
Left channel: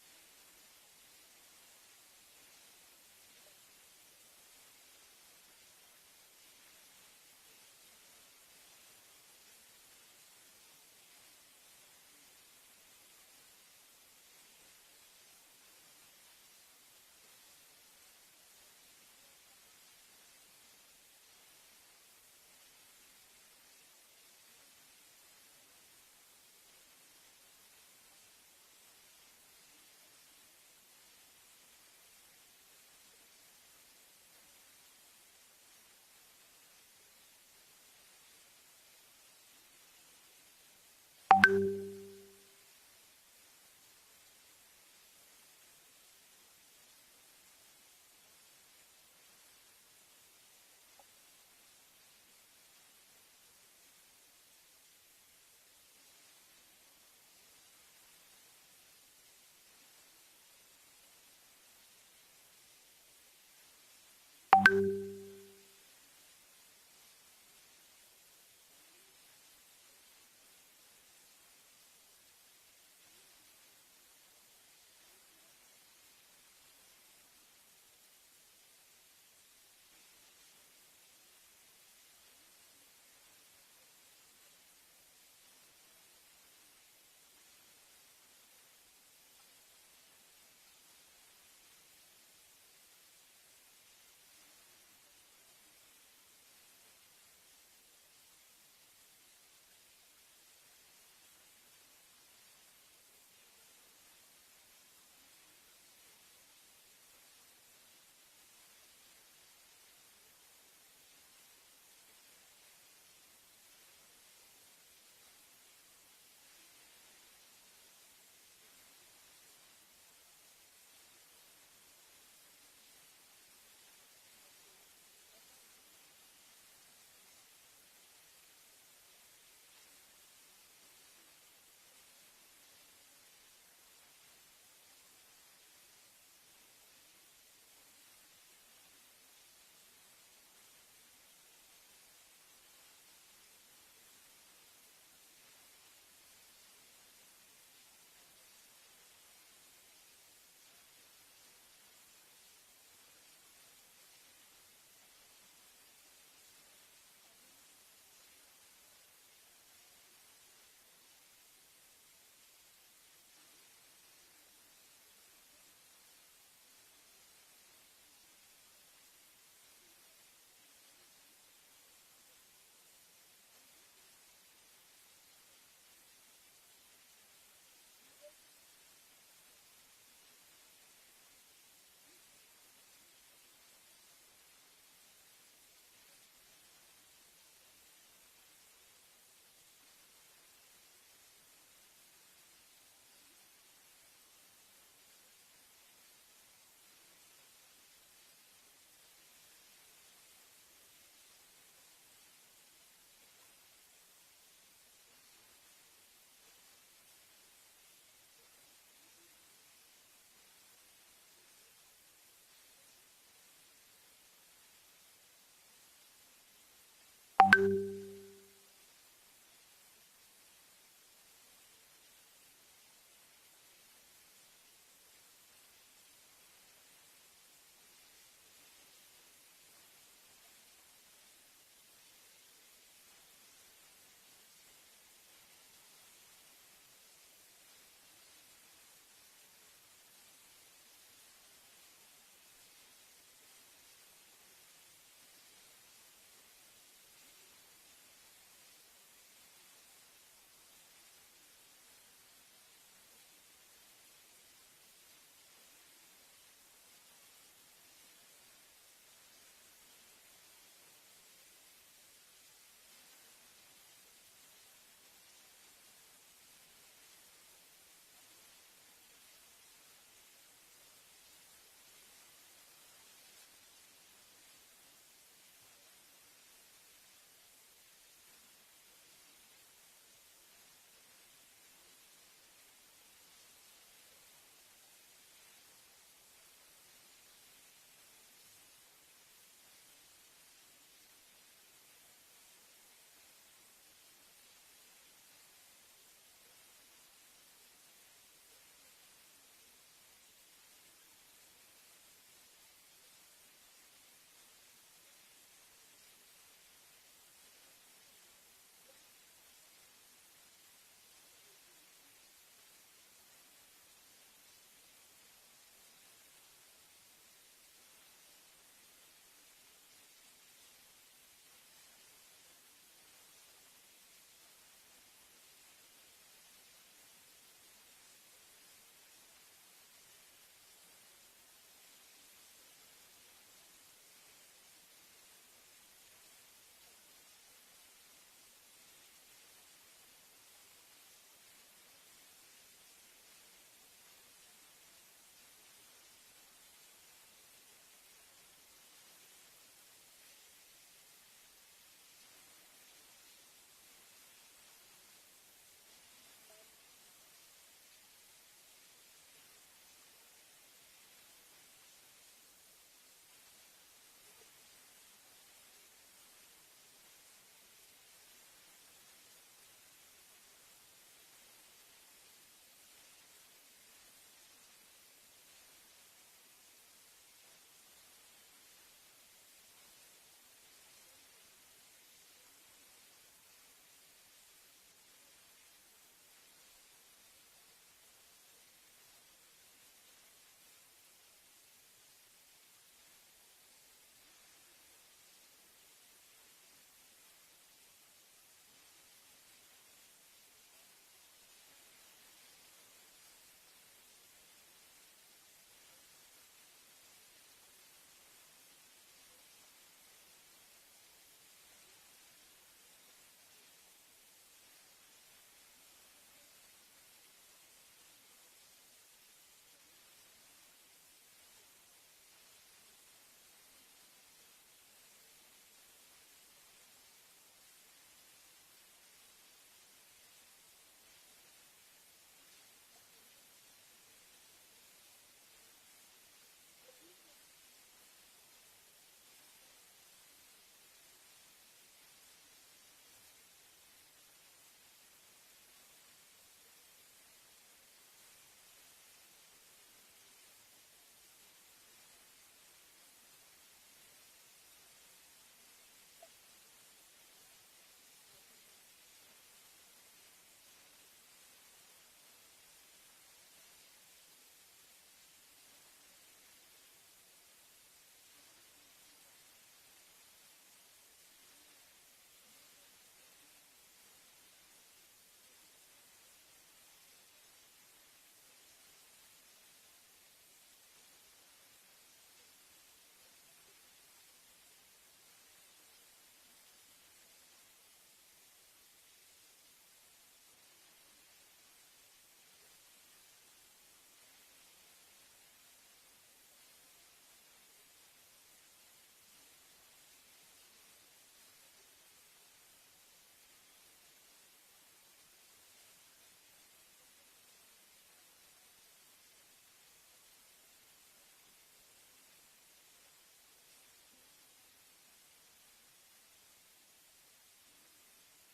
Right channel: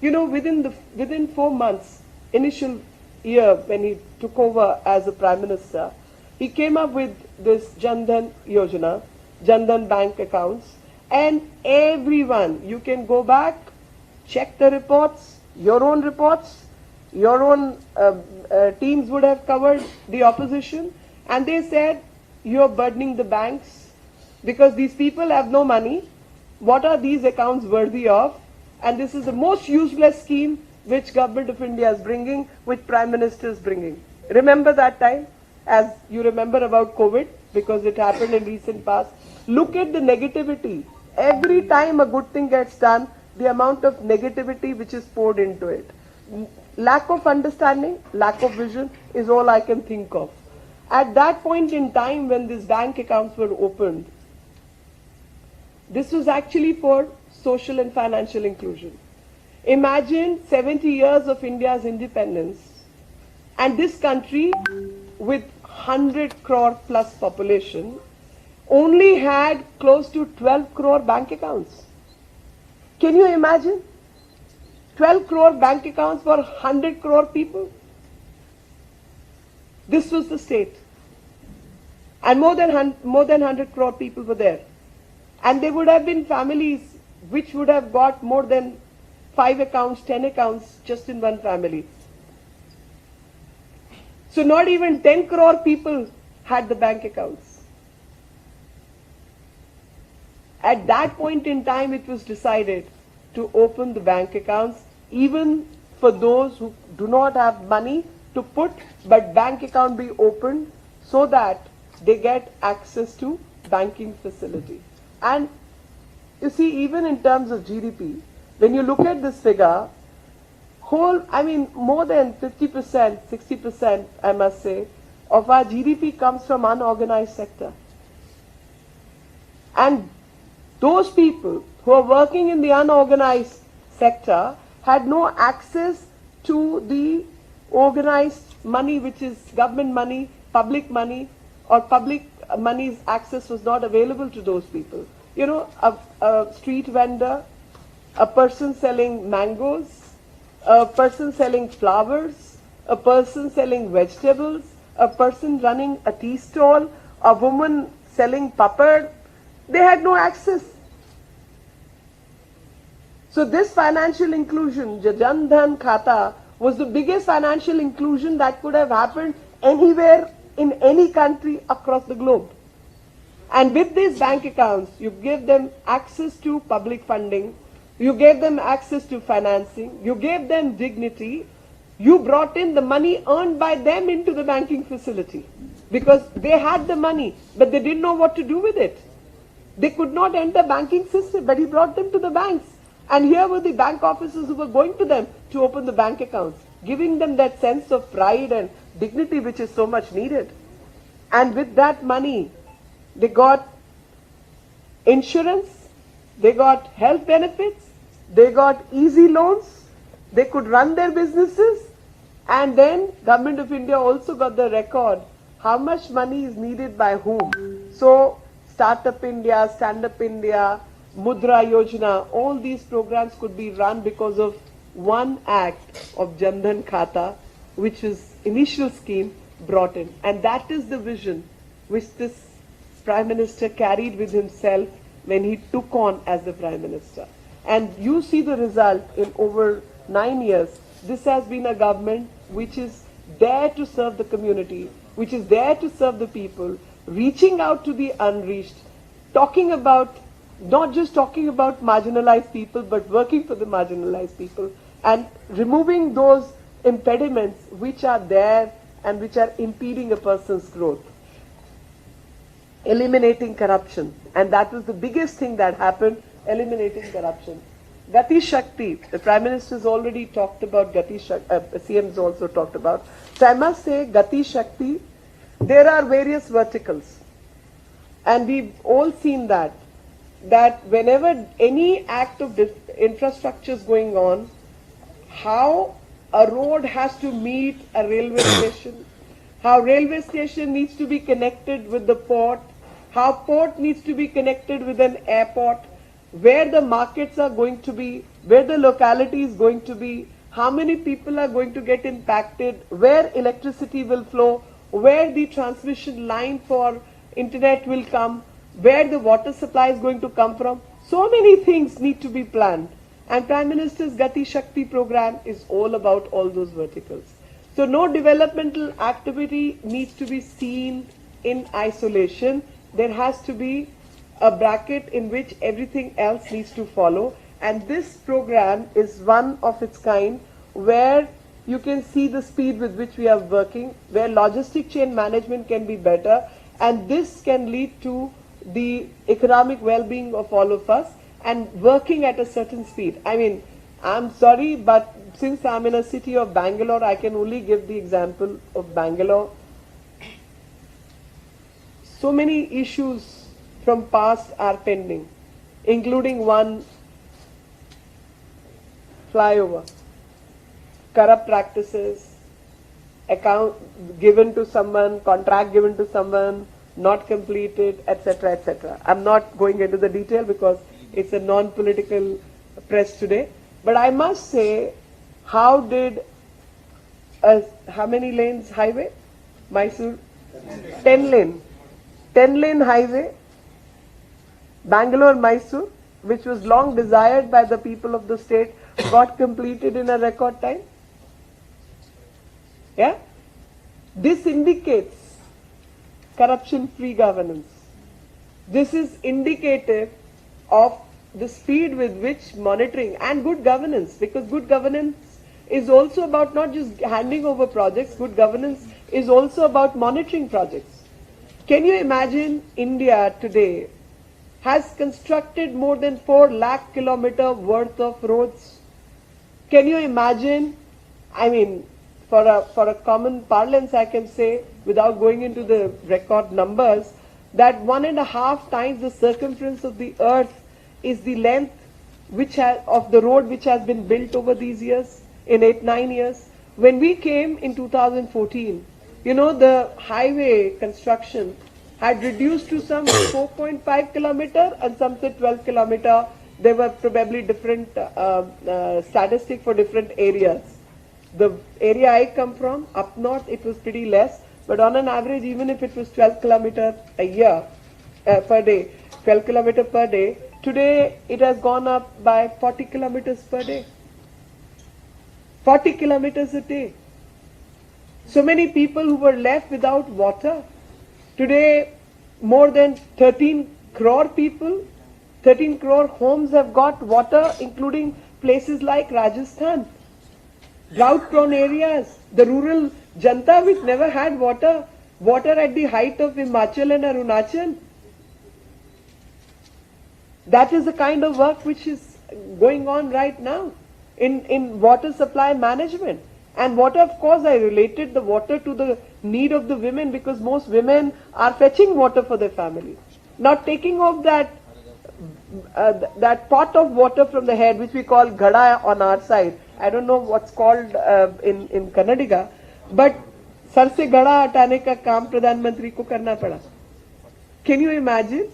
You know, within 4 months, initial year when he took over as a Prime Minister, he came up with this Jan Dhan Yojana, Jan Dhan bank accounts, and everyone, you can go back, check the reports, your own teams would have covered the opposition, and they said, you're burdening the banks because these people have no money. What are these accounts worthy of? And this is the most useless scheme which Government of India is bringing, which Prime Minister is bringing. Remember that time, as you remember about COVID, because it happened in recent past. Look at the negativity. Every time a good thing gets done, the amount of negativity which is poured into it. Lack of understanding, lack of vision is all I can think of. At that point in time when these bank accounts were opened, this was actually for social and financial inclusion. Imagine 70 years of India's independence, and this country with 100 crore plus population only had close to 12 crore bank accounts. Can you imagine? 12 crore bank accounts for 100 crore people. This was the state. And more than 100 crore people were there. And there would have been families which would have got more than 5 accounts, 10 accounts just in one family. So not even 10 crore people had the bank accounts. At that point in time, it was decided to open the bank accounts, even for those who do not have money to put, but bank account be opened so that they get access to banking facility. And you see, even in terms of GDP, when you look at this figure, more than 50%, 60%, I must say, of our GDP comes from unorganized sector. And those people who are working in the unorganized sector had no access to the organized money, which is government money, or public money's access was not available to those people. You know, a street vendor, a person selling mangoes, a person selling flowers, a person selling vegetables, a person running a tea stall, a woman selling papad, they had no access. So this financial inclusion, Jan Dhan Khata, was the biggest financial inclusion that could have happened anywhere in any country across the globe. And with these bank accounts, you give them access to public funding, you gave them access to financing, you gave them dignity, you brought in the money earned by them into the banking facility. Because they had the money, but they didn't know what to do with it. They could not enter banking system, but he brought them to the banks. And here were the bank officers who were going to them to open the bank accounts, giving them that sense of pride and dignity which is so much needed. And with that money, they got insurance, they got health benefits, they got easy loans, they could run their businesses, and then Government of India also got the record how much money is needed by whom. So Startup India, Stand Up India, Mudra Yojana, all these programs could be run because of one act of Jan Dhan Khata, which is initial scheme brought in. And that is the vision which this Prime Minister carried with himself when he took on as the Prime Minister. And you see the result in over 9 years. This has been a government which is there to serve the community, which is there to serve the people, reaching out to the unreached, not just talking about marginalized people, but working for the marginalized people and removing those impediments which are there and which are impeding a person's growth. Eliminating corruption. And that was the biggest thing that happened, eliminating corruption. Gati Shakti, the Prime Minister has already talked about Gati Shakti, CM has also talked about. So I must say, Gati Shakti, there are various verticals. And we've all seen that whenever any act of infrastructure is going on, how a road has to meet a railway station, how railway station needs to be connected with the port, how port needs to be connected with an airport, where the markets are going to be, where the locality is going to be, how many people are going to get impacted, where electricity will flow, where the transmission line for internet will come, where the water supply is going to come from. So many things need to be planned. And Prime Minister's Gati Shakti program is all about all those verticals. So no developmental activity needs to be seen in isolation. There has to be a bracket in which everything else needs to follow. And this program is one of its kind where you can see the speed with which we are working, where logistic chain management can be better, and this can lead to the economic well-being of all of us and working at a certain speed. I mean, I'm sorry, but since I'm in a city of Bangalore, I can only give the example of Bangalore. So many issues from past are pending, including one flyover, corrupt practices, account given to someone, contract given to someone, not completed, etc., etc. I'm not going into the detail because it's a non-political press today. But I must say, how many lanes highway? Mysore? 10 lane. 10 lane highway, Bangalore-Mysore, which was long desired by the people of the state, got completed in a record time. Yeah? This indicates corruption-free governance. This is indicative of the speed with which monitoring and good governance, because good governance is also about not just handing over projects, good governance is also about monitoring projects. Can you imagine India today has constructed more than 4 lakh kilometer worth of roads? Can you imagine, I mean, for a common parlance I can say, without going into the record numbers, that 1.5 times the circumference of the earth is the length of the road which has been built over these years, in 8-9 years. When we came in 2014, you know, the highway construction had reduced to some 4.5 kilometer and some say 12 kilometer. There were probably different statistics for different areas. The area I come from, up north, it was pretty less, but on an average, even if it was 12 kilometer a year, per day, 12 kilometer per day, today it has gone up by 40 kilometers per day. 40 kilometers a day. So many people who were left without water. Today, more than 13 crore people, 13 crore homes have got water, including places like Rajasthan. Drought-prone areas, the rural Janta which never had water, water at the height of Himachal and Arunachal. That is the kind of work which is going on right now in water supply management. And water, of course, I related the water to the need of the women, because most women are fetching water for their family. Not taking off that pot of water from the head, which we call ghada on our side. I don't know what's called in Kannadiga, but sar se ghada hatane ka kaam Pradhan Mantri ko karna pada. Can you imagine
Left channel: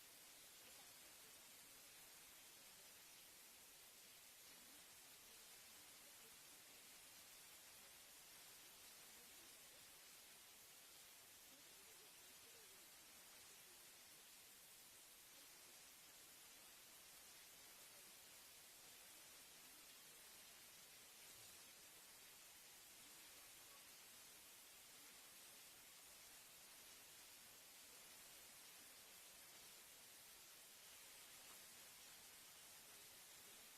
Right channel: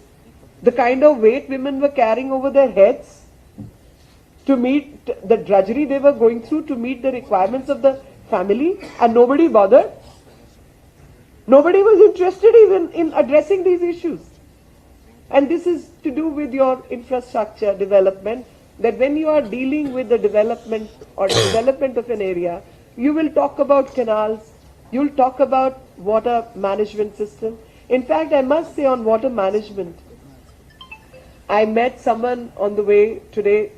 the kind of weight women were carrying over their heads to meet the drudgery they were going through to meet the requirements of the family, and nobody bothered? Nobody was interested even in addressing these issues. And this is to do with your infrastructure development, that when you are dealing with the development or development of an area, you will talk about canals, you will talk about water management system. In fact, I must say on water management, I met someone on the way today,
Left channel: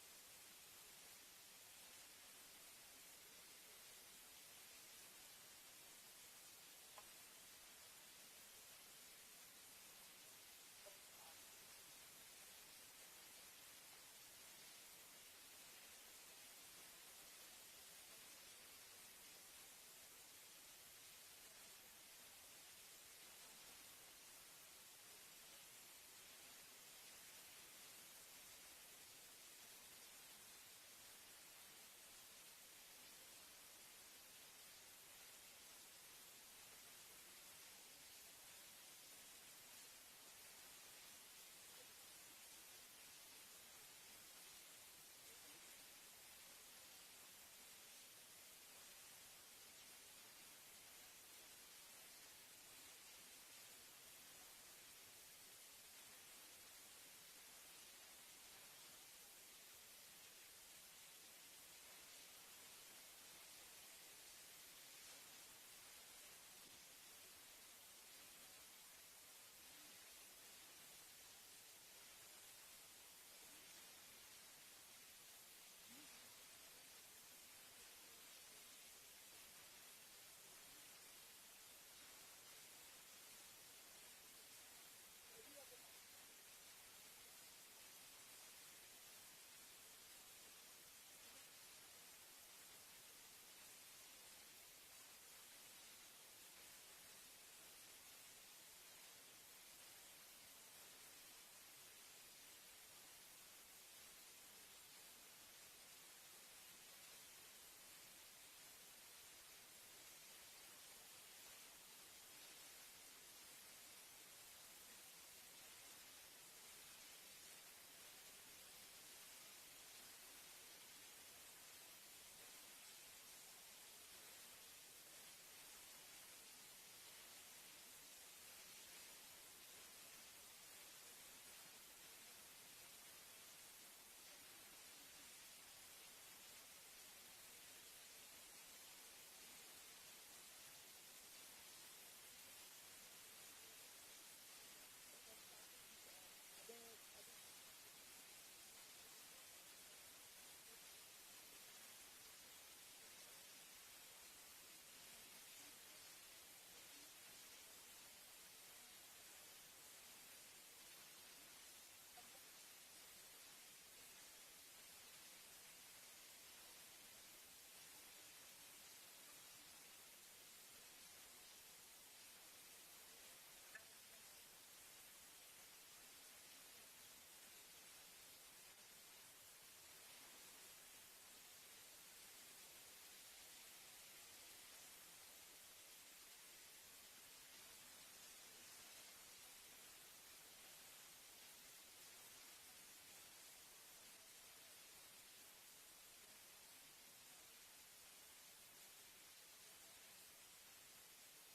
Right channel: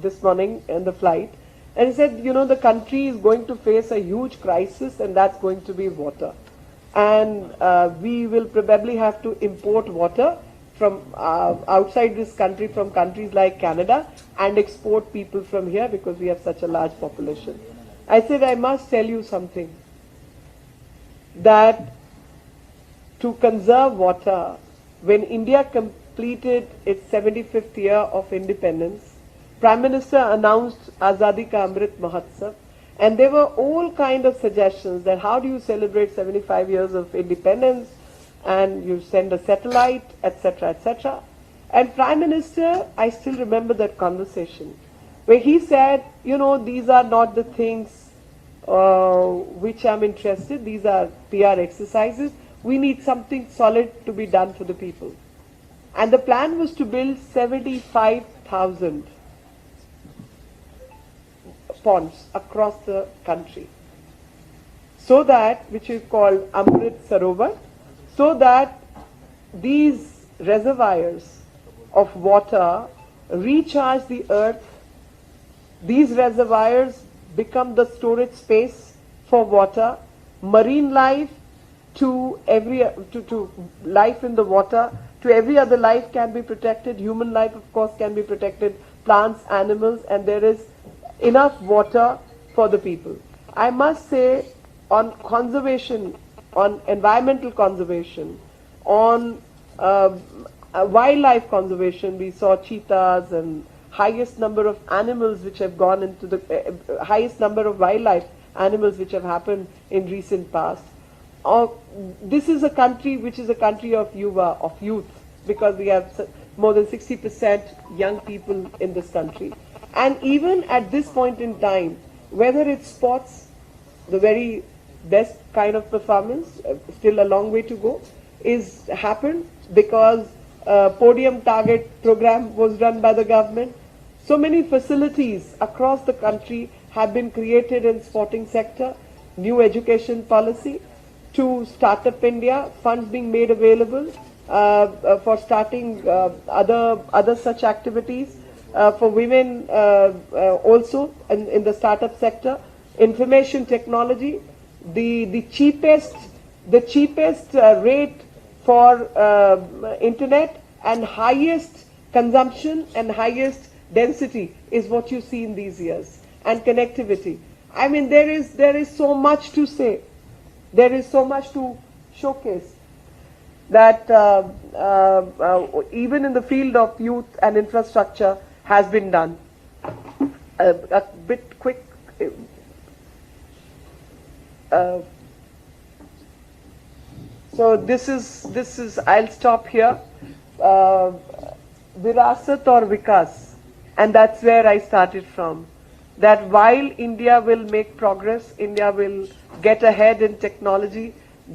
this morning on the flight, and he said, you know, the country is going to face a huge crisis, and that's going to be water. And we will probably have to import water from outside this country, from countries like Canada, and export people from here because we have such a large population. I said, I must tell you something, that to conserve water, when India completed its 75th year of independence, Prime Minister announced Azadi Ka Amrit Mahotsav, and there were all kind of suggestions that how do you celebrate 75 years of independence, and you send a satellite, etc., etc. And Prime Minister, I still remember that conversation, where he said, you know, these are not the things which I'm interested, these are PR exercises, we need something solid to be done for the people. And the plan was to build 75,000 ponds across the country, so that, which is called Amrit Sarovar, so that these reservoirs of water recharge the earth. These reservoirs become the storage space for water, marine life to life in the water, to every other life can be protected, human life of course can be protected, plants, animals, and there is enough water for the people. I must say, on conservation, on environmental conservation, on wildlife conservation, we saw cheetahs and highest number of animals which have gone into the highest number of wildlife animals which have happened in recent past. This is a country which is a country of yuva, of youth, because we have more than 60% young people in this country. And even at this point in time, whether it's sports, the very best kind of performance, still a long way to go, is happened because Podium Target program was run by the government. So many facilities across the country have been created in sporting sector, new education policy, to Startup India, funds being made available for starting other such activities, for women also in the startup sector, information technology, the cheapest rate for internet and highest consumption and highest density is what you see in these years, and connectivity. I mean, there is so much to say, there is so much to showcase, that even in the field of youth and infrastructure has been done. A bit quick. So this is I'll stop here. Virasat or Vikas, and that's where I started from. That while India will make progress, India will get ahead in technology,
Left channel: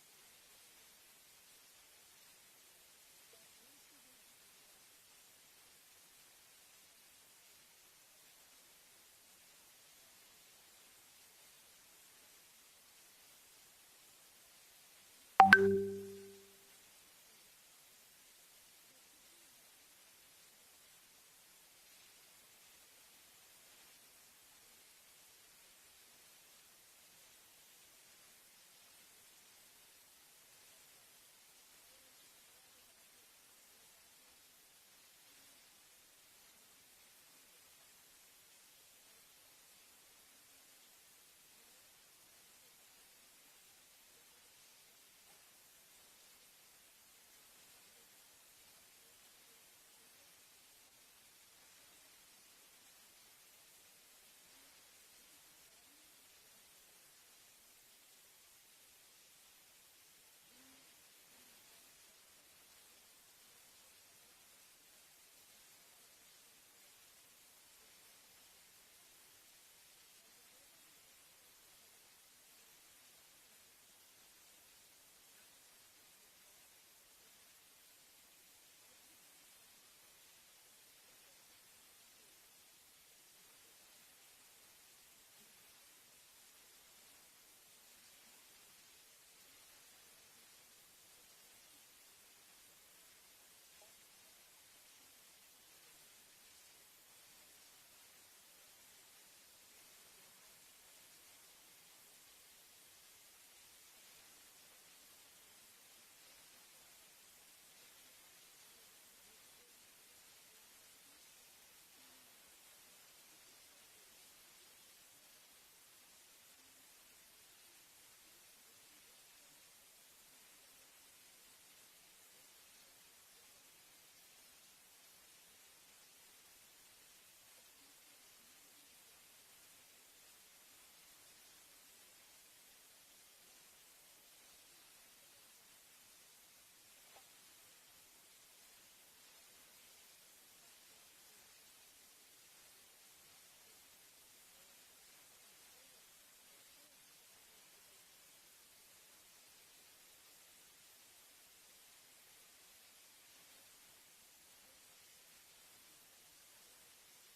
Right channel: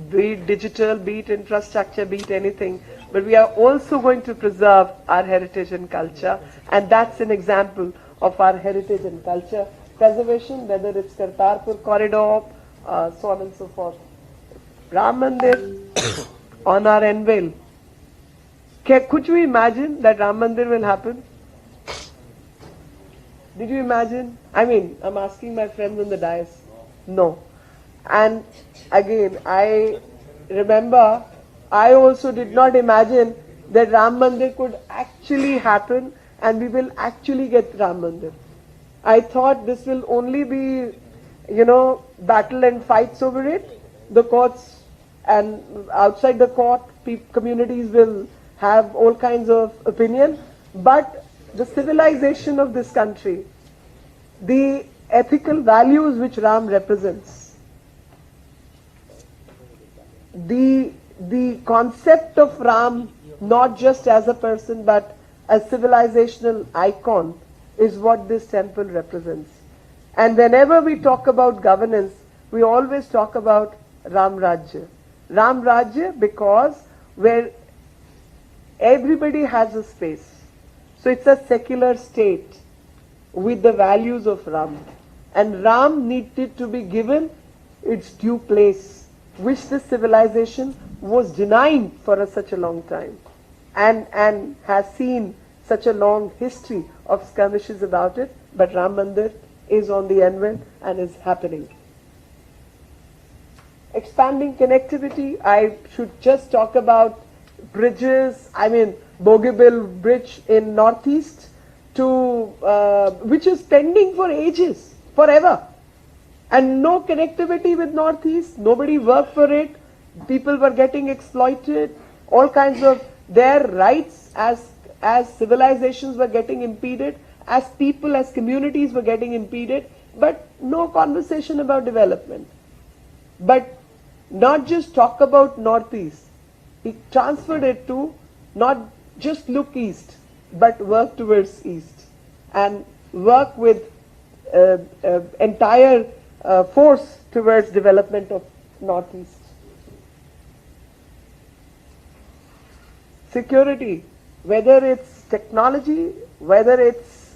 be it digital, be it infrastructure, be it anything, but we are also going to preserve our heritage and culture, and that's an example of our heritage and culture preservation, whether it's Kartarpur corridor, so on and so forth. Ram Mandir on our anvil. Could you imagine that Ram Mandir will happen? Did you imagine? I mean, I'm asking my friends on the dais. No. And again, I remember I also did not imagine that Ram Mandir could actually happen and we will actually get Ram Mandir. I thought this will only be, battle and fights over it. The courts and outside the court, communities will have all kinds of opinion. But the civilization of this country, the ethical values which Ram represents, the concept of Ram, not just as a person but a civilizational icon, is what this temple represents. And whenever we talk about governance, we always talk about Ram Rajya. Ram Rajya because where everybody has a space. So it's a secular state with the values of Ram. And Ram needed to be given its due place, which this civilization was denying for such a long time, and has seen such a long history of skirmishes about it. But Ram Mandir is on the anvil and is happening. Expanding connectivity, I should just talk about bridges. I mean, Bogibil Bridge in Northeast, which is pending for ages, forever. And no connectivity with Northeast, nobody worked for it, people were getting exploited, all kinds of their rights as civilizations were getting impeded, as people, as communities were getting impeded, but no conversation about development. But not just talk about Northeast, he transferred it to not just look east, but work towards east and work with entire force towards development of Northeast. Security, whether it's technology, whether it's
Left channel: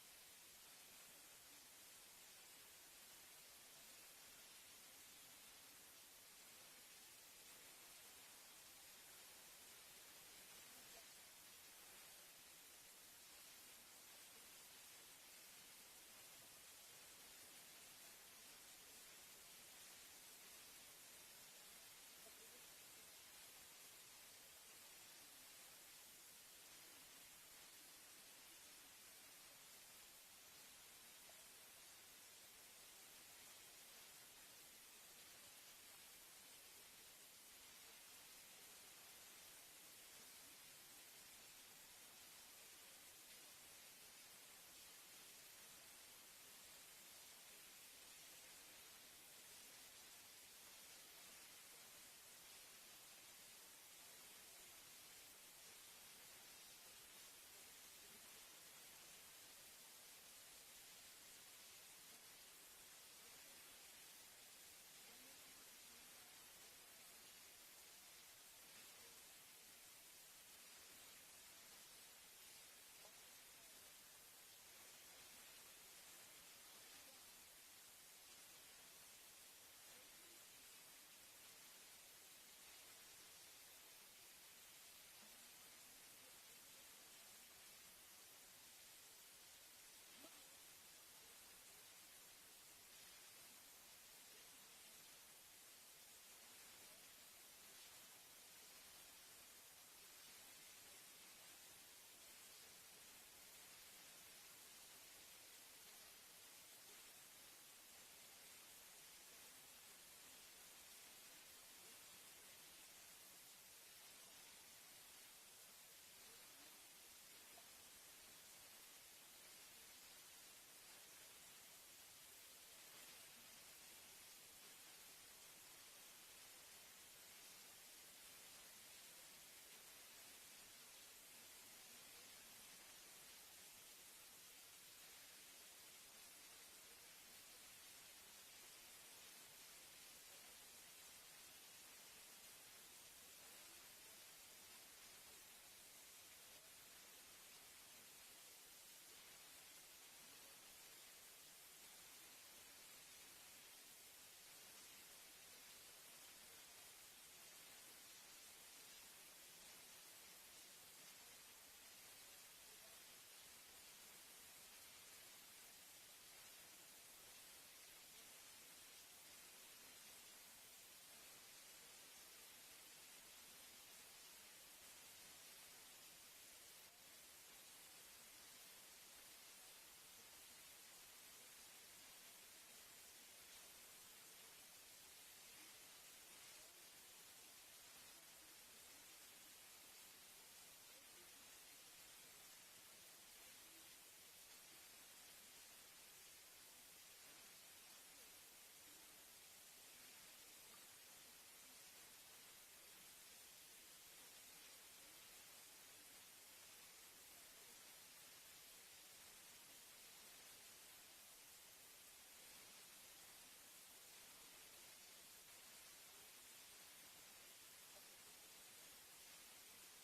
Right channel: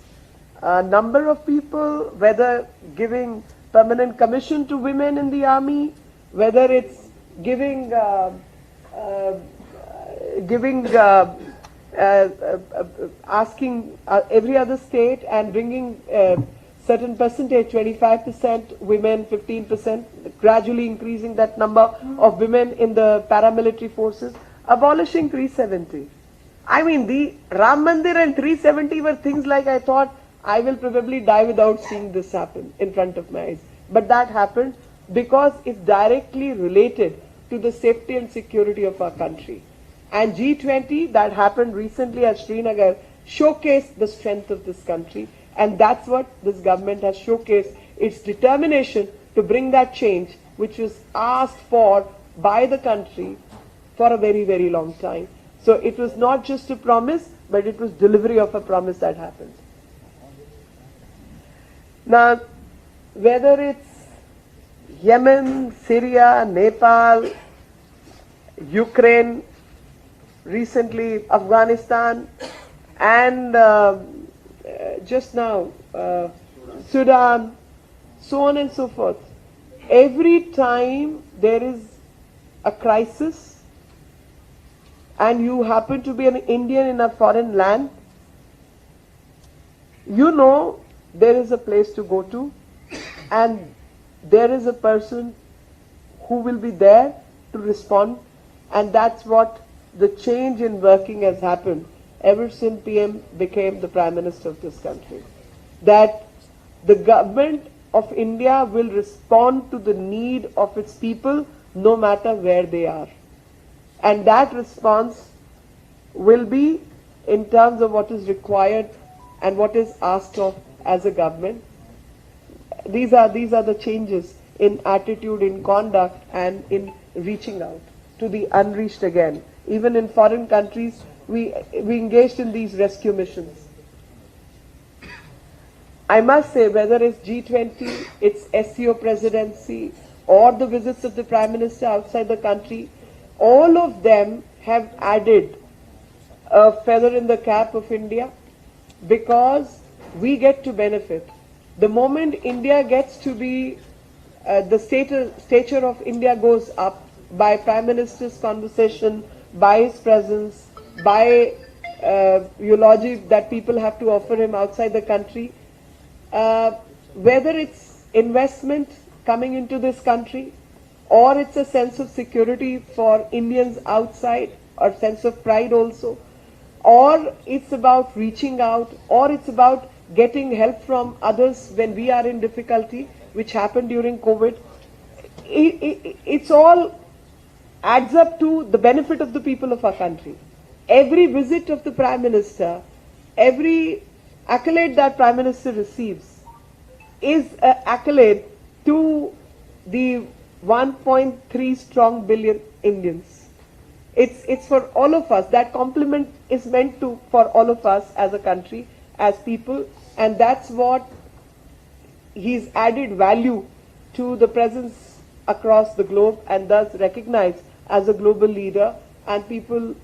number of people, whether giving permanent commission to women in the army, whether it's giving asking every other state and bringing certain percentage, 25% women, 15%, gradually increasing that number of women in the paramilitary forces, abolishing 370. I mean, the Ram Mandir and 370 were things like I thought I will probably die without seeing this happen in front of my eyes. But that happened because it's directly related to the safety and security of our country. And G20 that happened recently at Srinagar showcased the strength of this country, and that's what this government has showcased, its determination to bring that change which was asked for by the country for a very, very long time. So it was not just a promise, but it was delivery of a promise that happened. Now, whether it's Yemen, Syria, Nepal, Ukraine, recently Afghanistan, and just now Sudan, so on and so forth. Every time there is a crisis, and you happen to be an Indian in a foreign land, you know there is a place to go to, and there is a person who will be there to respond, and that's what the change in working has happened ever since PM became the Prime Minister of this country. That the government of India will respond to the need of its people no matter where they are. And that response will be in terms of what is required and what is asked of as a government. These are the changes in attitude, in conduct, and in reaching out to the unreached again. Even in foreign countries, we engaged in these rescue missions. I must say, whether it's G20, it's SCO presidency, or the visits of the Prime Minister outside the country, all of them have added a feather in the cap of India, because we get to benefit. The moment India gets to be, the stature of India goes up by Prime Minister's conversation, by his presence, by eulogy that people have to offer him outside the country, whether it's investment coming into this country, or it's a sense of security for Indians outside, or sense of pride also, or it's about reaching out, or it's about getting help from others when we are in difficulty, which happened during COVID. It's all adds up to the benefit of the people of our country. Every visit of the Prime Minister, every accolade that Prime Minister receives is an accolade to the 1.3 strong billion Indians. It's for all of us. That compliment is meant to for all of us as a country, as people, and that's what he's added value to the presence across the globe, and thus recognized as a global leader, and people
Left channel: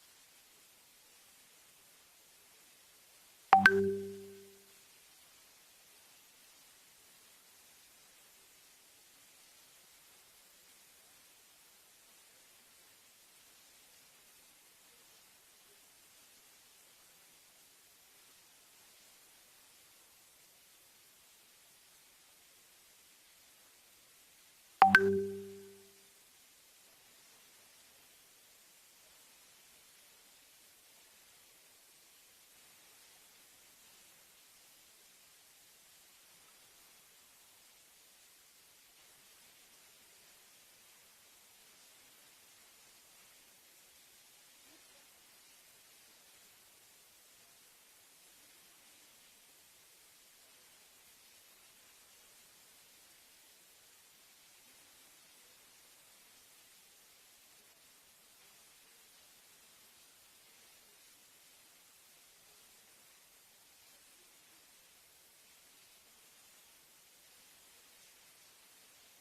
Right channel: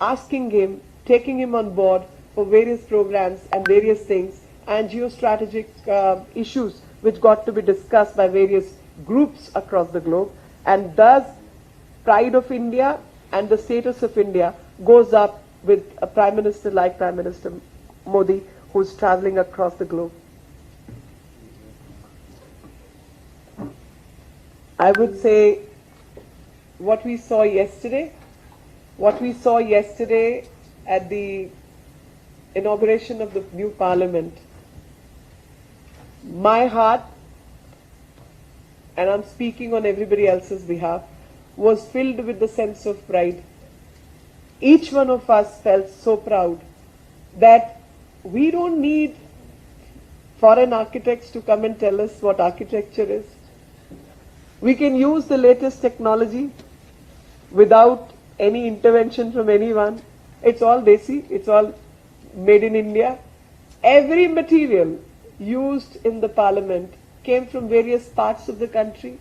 asking him, taking him on board for various programs and various things, and geostrategic issues which got to be discussed by various groups across the globe, and thus pride of India and the status of India goes up with a Prime Minister like Prime Minister Modi, who's traveling across the globe. I would say what we saw yesterday at the inauguration of the new parliament, my heart, and I'm speaking on everybody else's behalf, was filled with the sense of pride. Each one of us felt so proud that we don't need foreign architects to come and tell us what architecture is. We can use the latest technology without any intervention from anyone. It's all desi, it's all made in India. Every material used in the parliament came from various parts of the country.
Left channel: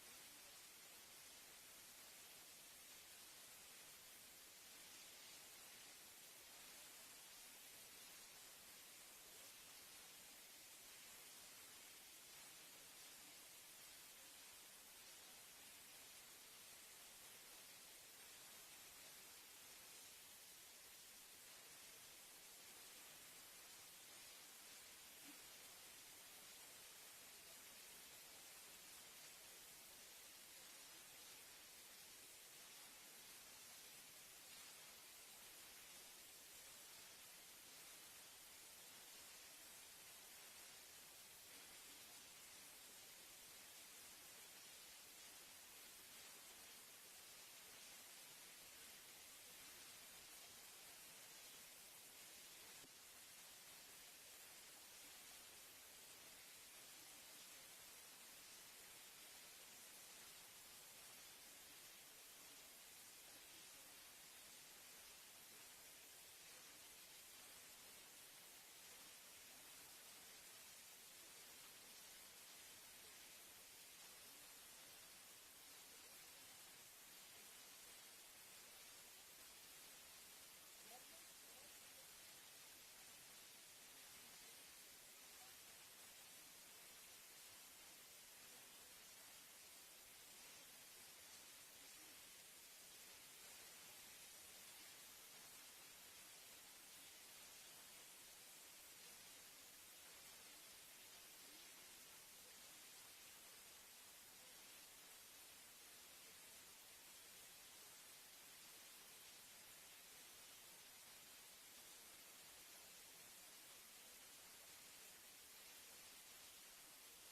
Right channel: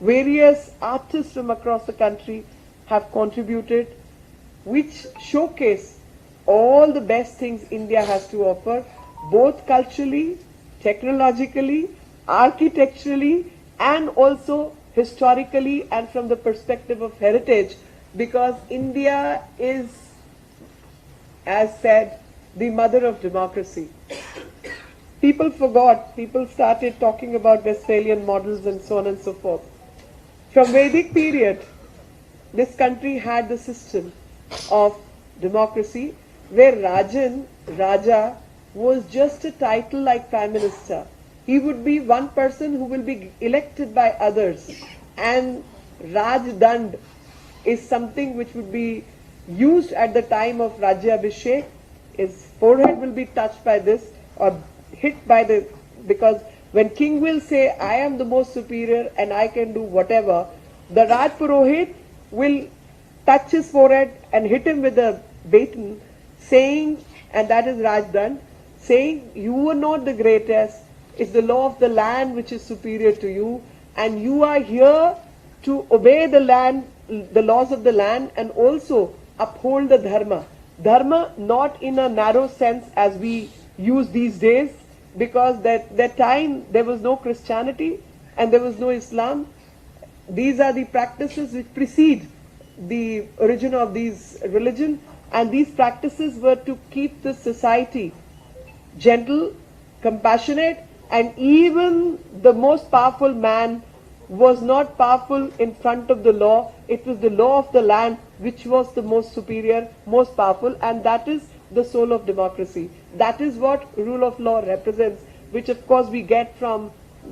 Various artists from across the country have contributed, which showcase all the best things India has to offer, both culturally, technologically, architecturally, and also historically and from the perspective of heritage, because India is, as said, the mother of democracy. People forgot, people started talking about Westphalian models and so on and so forth. From Vedic period, this country had the system of democracy where Raja, was just a title like Prime Minister. He would be one person who will be elected by others, and Raj Dand is something which would be used at the time of Rajyabhishek. His forehead will be touched by this or hit by the, because when king will say, I am the most superior and I can do whatever, the Raj Purohit will touch his forehead and hit him with a baton, saying, and that is Raj Dand, saying, you are not the greatest, it's the law of the land which is superior to you, and you are here to obey the land, the laws of the land, and also uphold the dharma. Dharma not in a narrow sense as we use these days, because that time there was no Christianity and there was no Islam. These are the practices which precede the origin of these religion, and these practices were to keep the society gentle, compassionate, and even the most powerful man was not powerful in front of the law. It was the law of the land which was the most superior, most powerful, and that is the soul of democracy. That is what rule of law represents, which of course we get from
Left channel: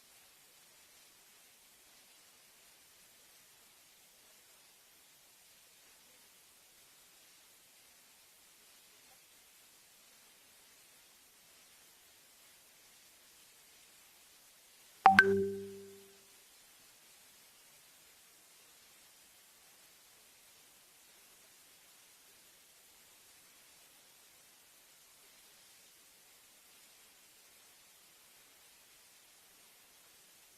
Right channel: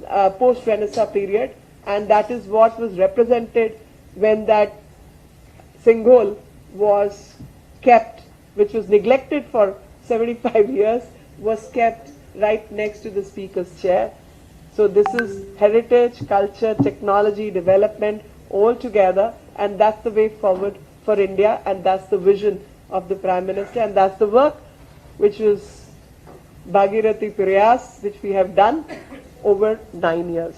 post-Renaissance period, and that is what was represented when that Singhol was kept, which was neglected for 75 years, was kept right next to the speaker's chair. So this is heritage, culture, technology, development all together, and that's the way forward for India, and that's the vision of the Prime Minister, and that's the work which was Bhagirathi Prayas, which we have done over 9 years.